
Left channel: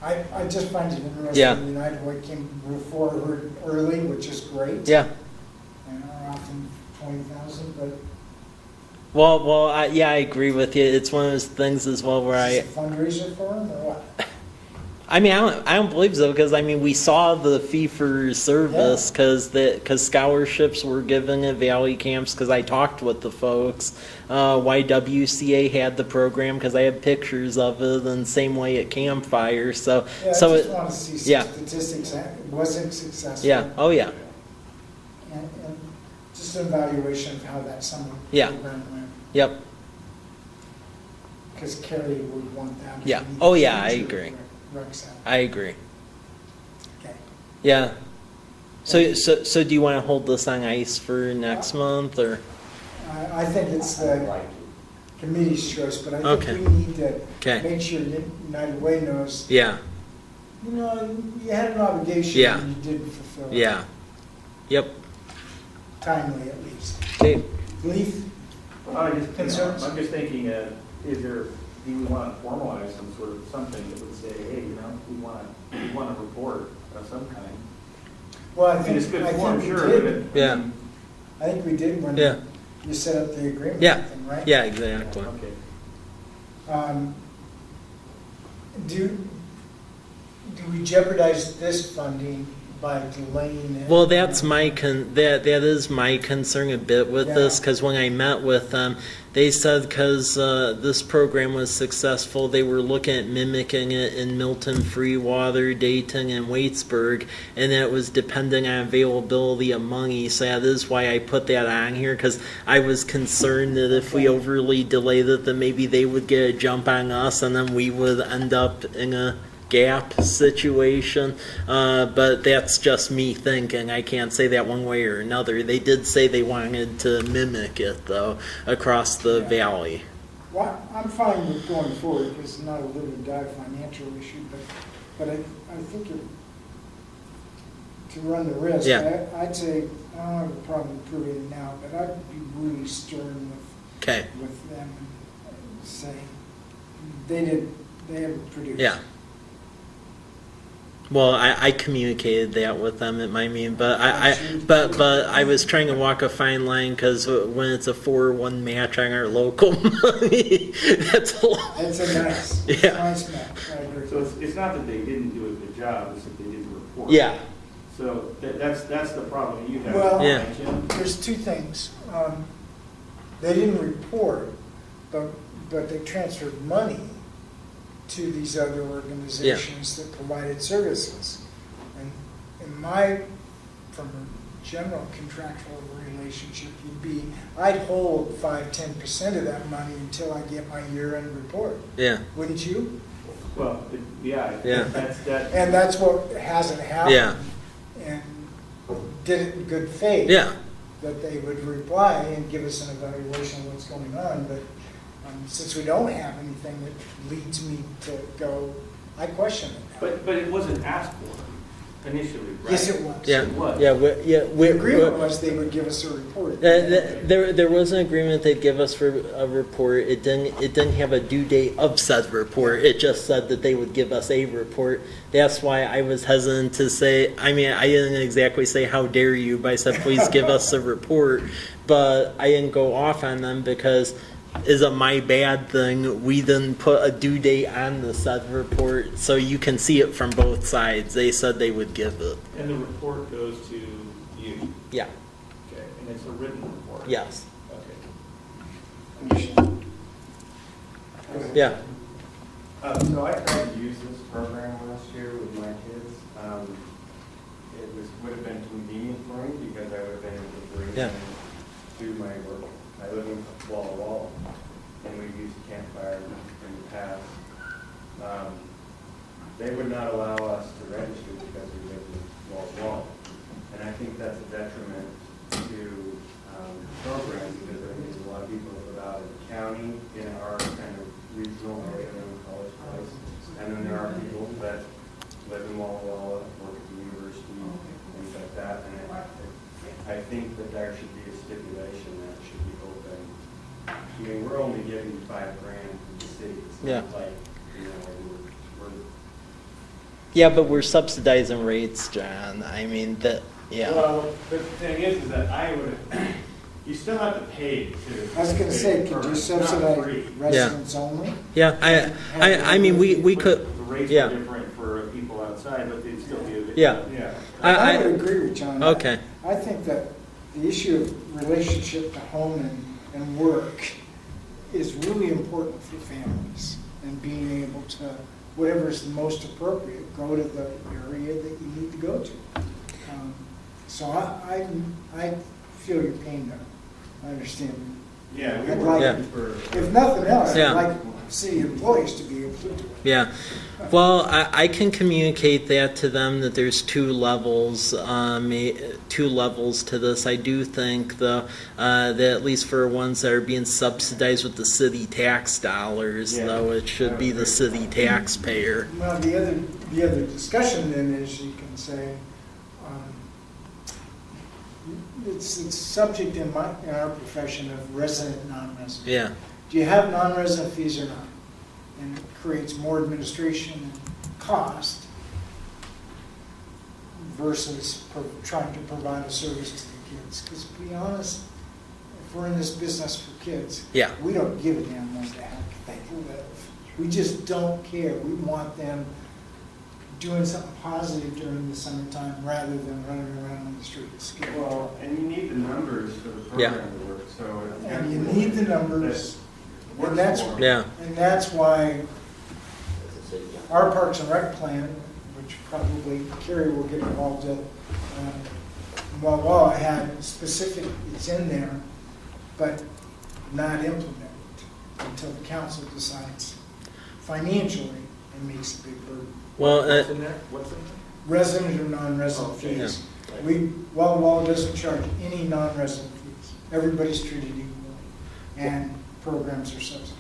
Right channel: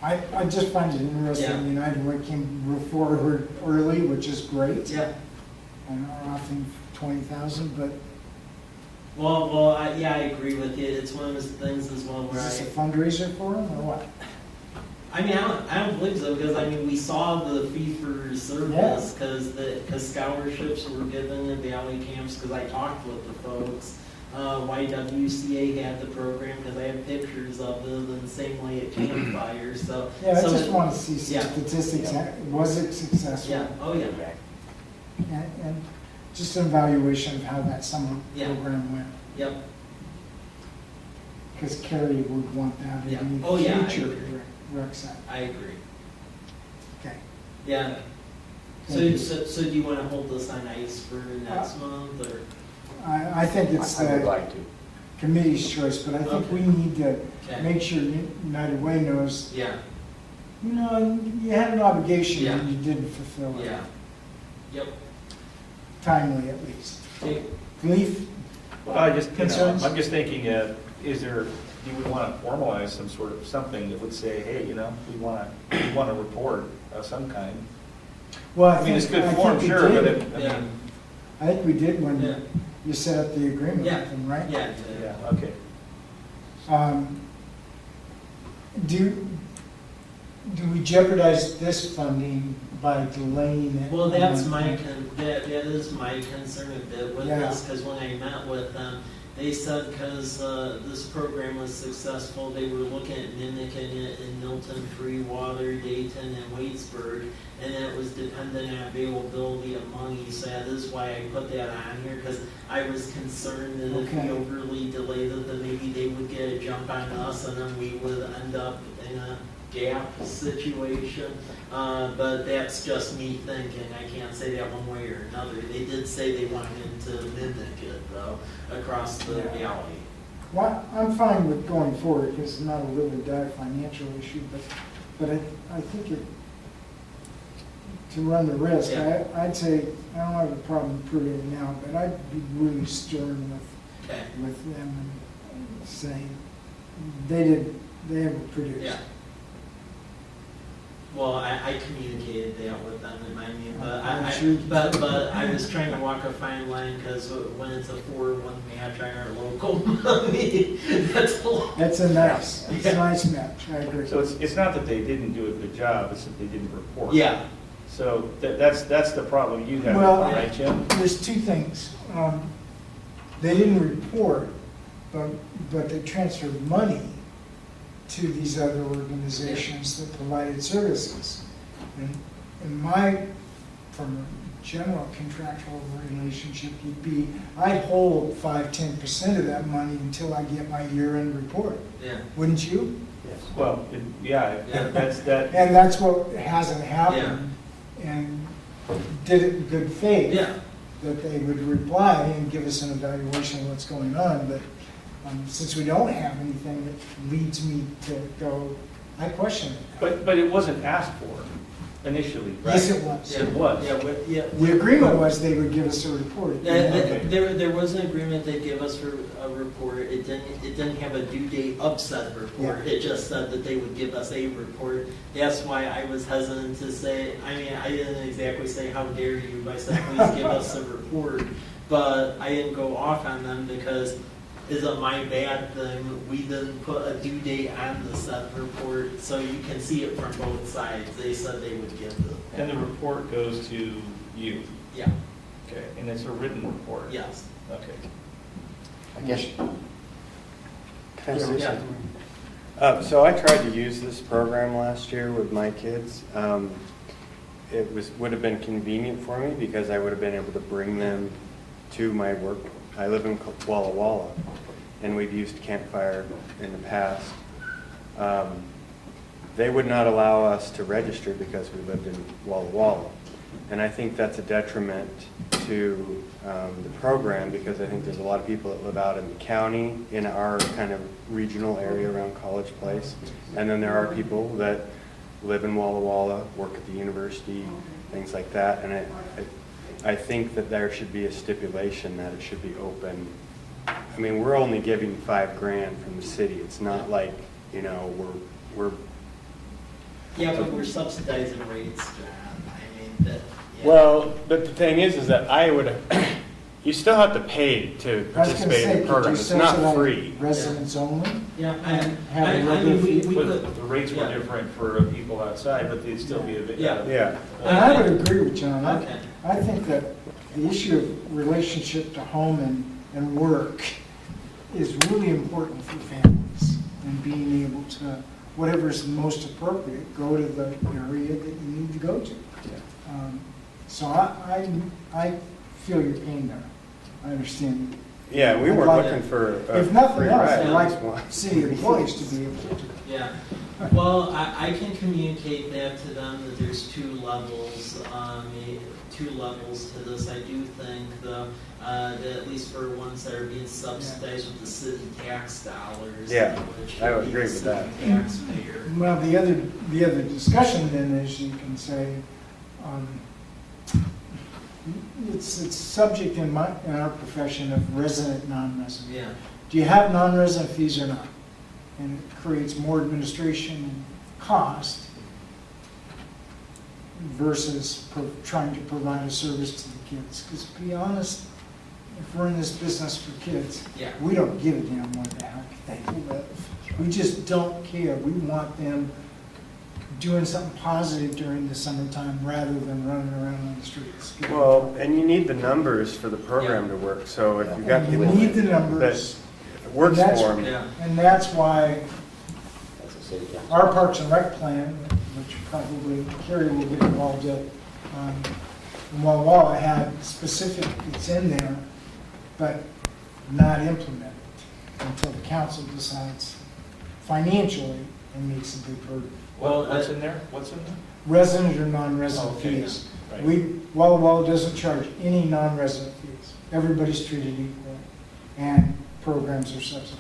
yeah. I just find it interesting, Yeah. United Way came forward early, which is great. Yeah. I know we're offering 20,000, but Yeah, I agree with you. It's one of those things as well where is this a fundraiser for them or what? I mean, I don't believe so because I mean we saw the fee for service because scholarships were given at Valley Camps because I talked with the folks. YWCA had the program because I have pictures of it, and same way at Campfire. So Yeah, I so just it, want to see some yeah. statistics. Was it successful? yeah, oh yeah, And just an evaluation of how that summer Yeah. program went. yep, Because Carrie would want that. Yeah. to be Oh, yeah, I future agree. rec center. I agree. Okay. Yeah. Thank you. So do you want to hold this on ice for next month or? I think it's I would the like to. committee's choice, but I Okay. think we need to Okay. make sure United Way knows, Yeah. you know, you had an obligation Yeah. and you didn't fulfill it. Yeah. Yep. Timely, at least. Okay. Leaf? I'm Concerns? just thinking, do we want to formalize some sort of something that would say, hey, we want a report of some kind? Well, I mean, it's good I form, think we sure, but did. it. I think we did when Yeah. you set up the agreement Yeah. with them, right? Yeah. Yeah, Exactly. okay. Do we jeopardize this funding by delaying it? Well, that's that is my concern a bit with this Yeah. because when I met with them, they said because this program was successful, they were looking at mimicking it in Milton, Freewater, Dayton, and Waitsburg, and it was dependent on availability of money. So that is why I put that on here because I was concerned that if we Okay. overly delayed it, then maybe they would get a jump on us, and then we would end up in a gap situation, but that's just me thinking. I can't say that one way or another. They did say they wanted to mimic it though across the valley. Well, I'm fine with going forward because it's not a live or die financial issue, but I think to run the risk, Yeah. I'd say, I don't have a problem proving it now, but I'd be really stern Okay. with them and saying, they have produced. Yeah. Well, I communicated that with them at my meeting, but but I was trying to walk a fine line because when it's a 4-1 match on our local money, that's a lot. That's a mess. It's Yeah. a nice match, I agree. So it's not that they didn't do a good job, it's that they didn't report. Yeah. So that's the problem you have, Well- Yeah. right, Jim? There's two things. They didn't report, but they transferred money to these other organizations that provided services. And from a general contractual relationship, would be, I'd hold 5-10% of that money until I get my year-end report. Yeah. Wouldn't you? Well, Yeah. that's that. And that's what hasn't happened. Yeah. And did it in good faith. Yeah. That they would reply and give us an evaluation of what's going on, but since we don't have anything that leads me to go, I question it. But it wasn't asked for. Initially, right? Yes, it was. Yeah, It was. yeah, The agreement was they would give us a report. There was an agreement they'd give us for a report. It didn't have a due date of said report. It just said that they would give us a report. That's why I was hesitant to say, I mean, I didn't exactly say, how dare you, but I said, please give us a report. But I didn't go off on them because is it my bad thing we didn't put a due date on the said report so you can see it from both sides. They said they would give it. And the report goes to you? Yeah. Okay, and it's a written report? Yes. Okay. Yeah. So I tried to use this program last year with my kids. It would have been convenient for me because I would have been able to bring them to my work. I live in Walla Walla, and we've used Campfire in the past. They would not allow us to register because we lived in Walla Walla. And I think that's a detriment to the program because I think there's a lot of people that live out in the county, in our kind of regional area around College Place. And then there are people that live in Walla Walla, work at the university, things like that. And I think that there should be a stipulation that it should be open. I mean, we're only giving $5,000 from the city. It's not like, you know, we're Yeah, but we're subsidizing rates, John. I mean, that, yeah. Well, the thing is that I would, you still have to pay to I was gonna participate say, in the could program. you It's not subsidize free. residents only? Yeah, I mean, we But could, the rates yeah. were different for people outside, but they'd still be a bit. Yeah. Yeah. I would agree with John. Okay. I think that the issue of relationship to home and work is really important for families and being able to, whatever is most appropriate, go to the area that you need to go to. So I feel your pain there. I understand. Yeah, we I'd were like- looking for. If nothing else, Yeah. I'd like city employees to be able to do it. Yeah, well, I can communicate that to them, that there's two levels to this. I do think, though, that at least for ones that are being subsidized with the city tax dollars, Yeah, though, it I should would be agree the with city that. taxpayer. Well, the other discussion then is you can say, it's subject in our profession of resident, non-resident. Yeah, Do you have non-resident fees or not? And it creates more administration and cost versus trying to provide a service to the kids. Because to be honest, if we're in this business for kids, yeah, we don't give a damn what the heck they live. We just don't care. We want them doing something positive during the summertime rather than running around on the streets. Well, and you need the numbers for the program to work, so if you've got And you people need the that numbers, works and that's- for them. yeah, and that's why That's a city council. our Parks and Rec plan, which probably Kerry will get involved in, while it had specific, it's in there, but not implemented until the council decides financially and makes a big burden. well, What's in there? What's in there? Resident or non-resident Okay, yeah, fees. right. Walla Walla doesn't charge any non-resident fees. Everybody's treated equally, and programs are subsidized.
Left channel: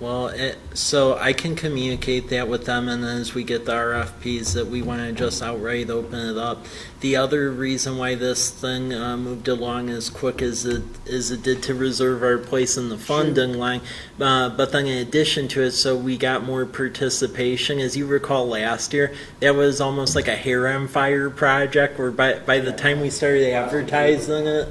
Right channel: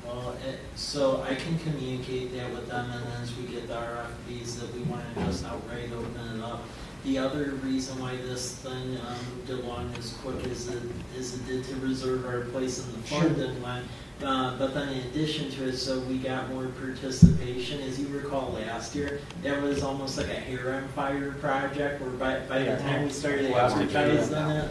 well, so I can communicate that with them, and then as we get the RFPs, that we want to just outright open it up. The other reason why this thing moved along as quick as it did to reserve our place in the funding line, but then in addition to it, so we got more participation. As you recall last year, that was almost like a hair on fire project, where by the time we started advertising it,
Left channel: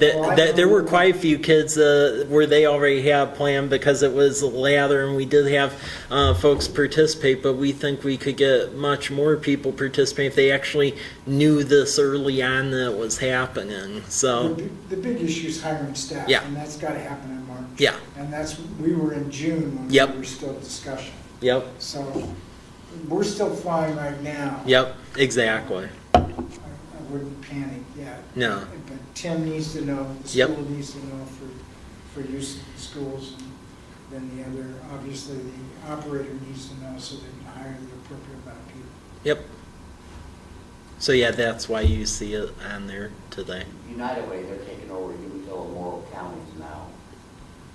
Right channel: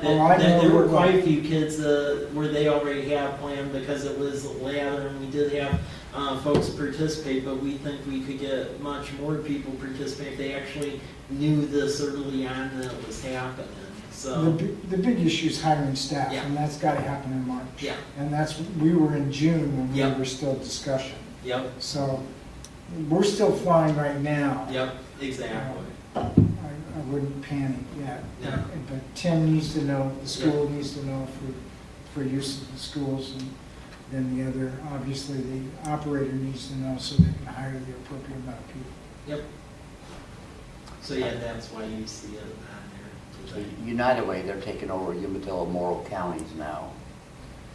there were quite a few kids where they already had planned because it was lather, and we did have folks participate, but we think we could get much more people participate if they actually knew this early on that it was happening. So The big issue is hiring staff, Yeah. and that's gotta happen in March. yeah, And we were in June when Yep. we were still discussion. yep, So we're still flying right now. yep, exactly. I wouldn't panic yet. No. But Tim needs to know, the Yep. school needs to know for use of the schools, and then the other, obviously, the operator needs to know so they can hire the appropriate amount of people. Yep. So yeah, that's why you see it on there today. United Way, they're taking over Umatilla and Morrow counties now.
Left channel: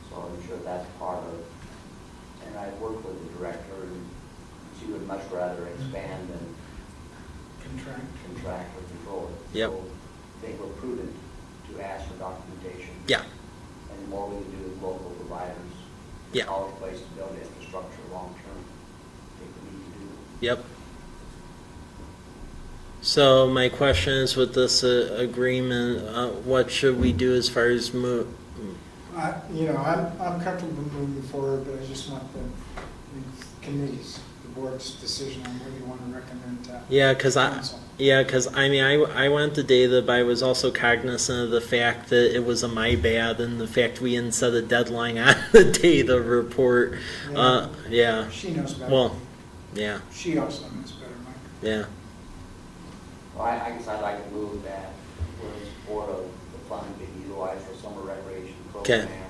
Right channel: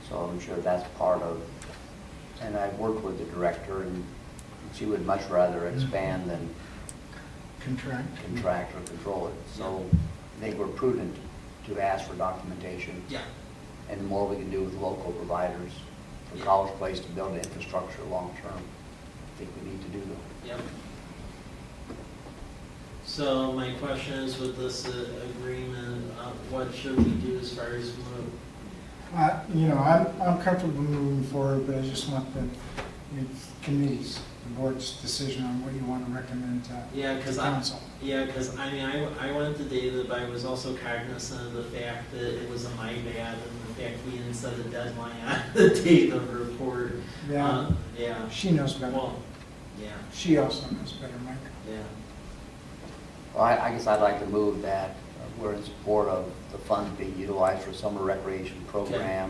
So I'm sure that's part of, and I've worked with the director, and she would much rather expand than contract or control it. Yep. So I think we're prudent to ask for documentation. Yeah, And the more we can do with local providers. Yeah. College Place to build infrastructure long-term. I think we need to do that. yep. So my question is, with this agreement, what should we do as far as move? I'm comfortable moving forward, but I just want the committee's, the board's decision on what you want to recommend to Yeah, because council. I went to data, but I was also cognizant of the fact that it was my bad and the fact we didn't set a deadline on the data report. Yeah. She knows better. Well, yeah, She also knows better, Mike. yeah. Well, I guess I'd like to move that we're in support of the funds being utilized for summer recreation program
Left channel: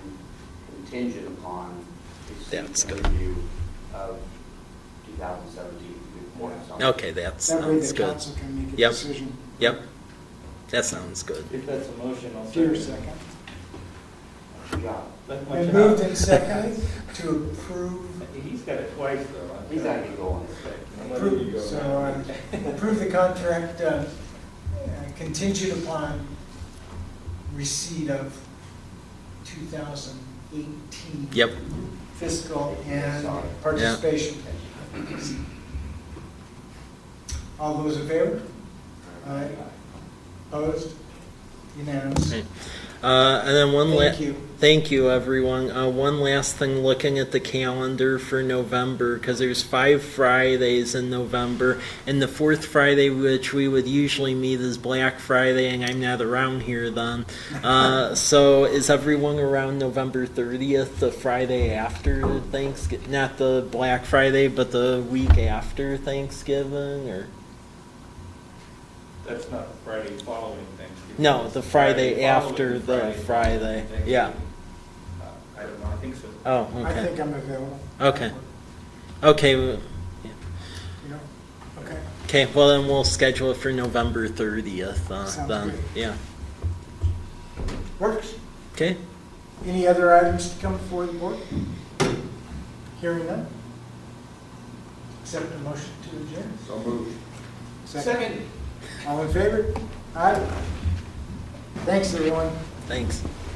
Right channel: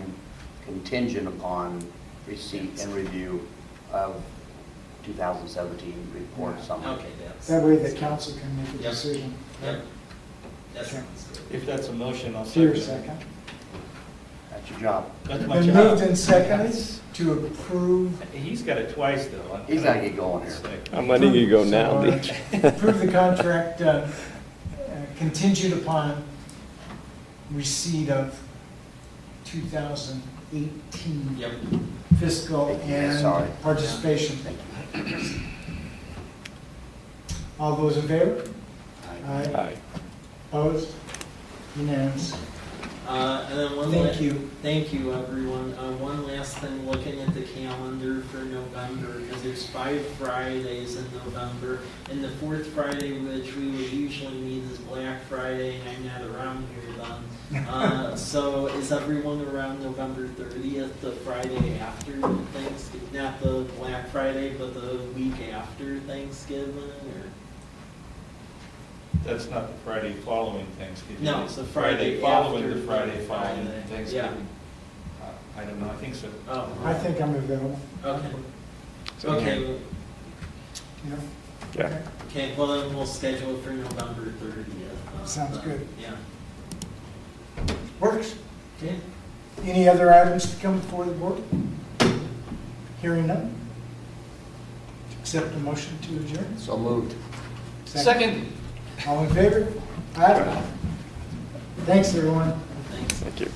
contingent upon receipt That's and good. review of 2017 report summary. Okay, that That way sounds the good. council can make a Yep. decision. Yep, that sounds good. If that's a motion, I'll Here, second. second. That's your job. That's my Been job. moved and seconded to approve. He's got it twice, though. He's gotta get going here. It's like- I'm letting you go So, now, Mitch. Approve the contract contingent upon receipt of 2018 Yep, fiscal Yeah, sorry. and participation. All those in favor? Aye. Aye. Opposed? Unanimous. and then Thank you. Thank you, everyone. One last thing, looking at the calendar for November, because there's 5 Fridays in November, and the 4th Friday, which we would usually meet, is Black Friday, and I'm not around here then. So is everyone around November 30th, the Friday after Thanksgiving? Not the Black Friday, but the week after Thanksgiving, or? That's not the Friday following Thanksgiving. No, It's the Friday following after the following Friday. Thanksgiving. Yeah. I don't know, I think so. Oh, I okay. think I'm available. Okay. Okay. Yeah. Yeah. Okay. Okay, well then we'll schedule it for November 30th. Sounds Then. good. Yeah. Works. Okay. Any other items to come before the board? Hearing none? Accept a motion to adjourn? So moved. Second. All in favor? Aye. Thanks, everyone. Thanks. Thank you.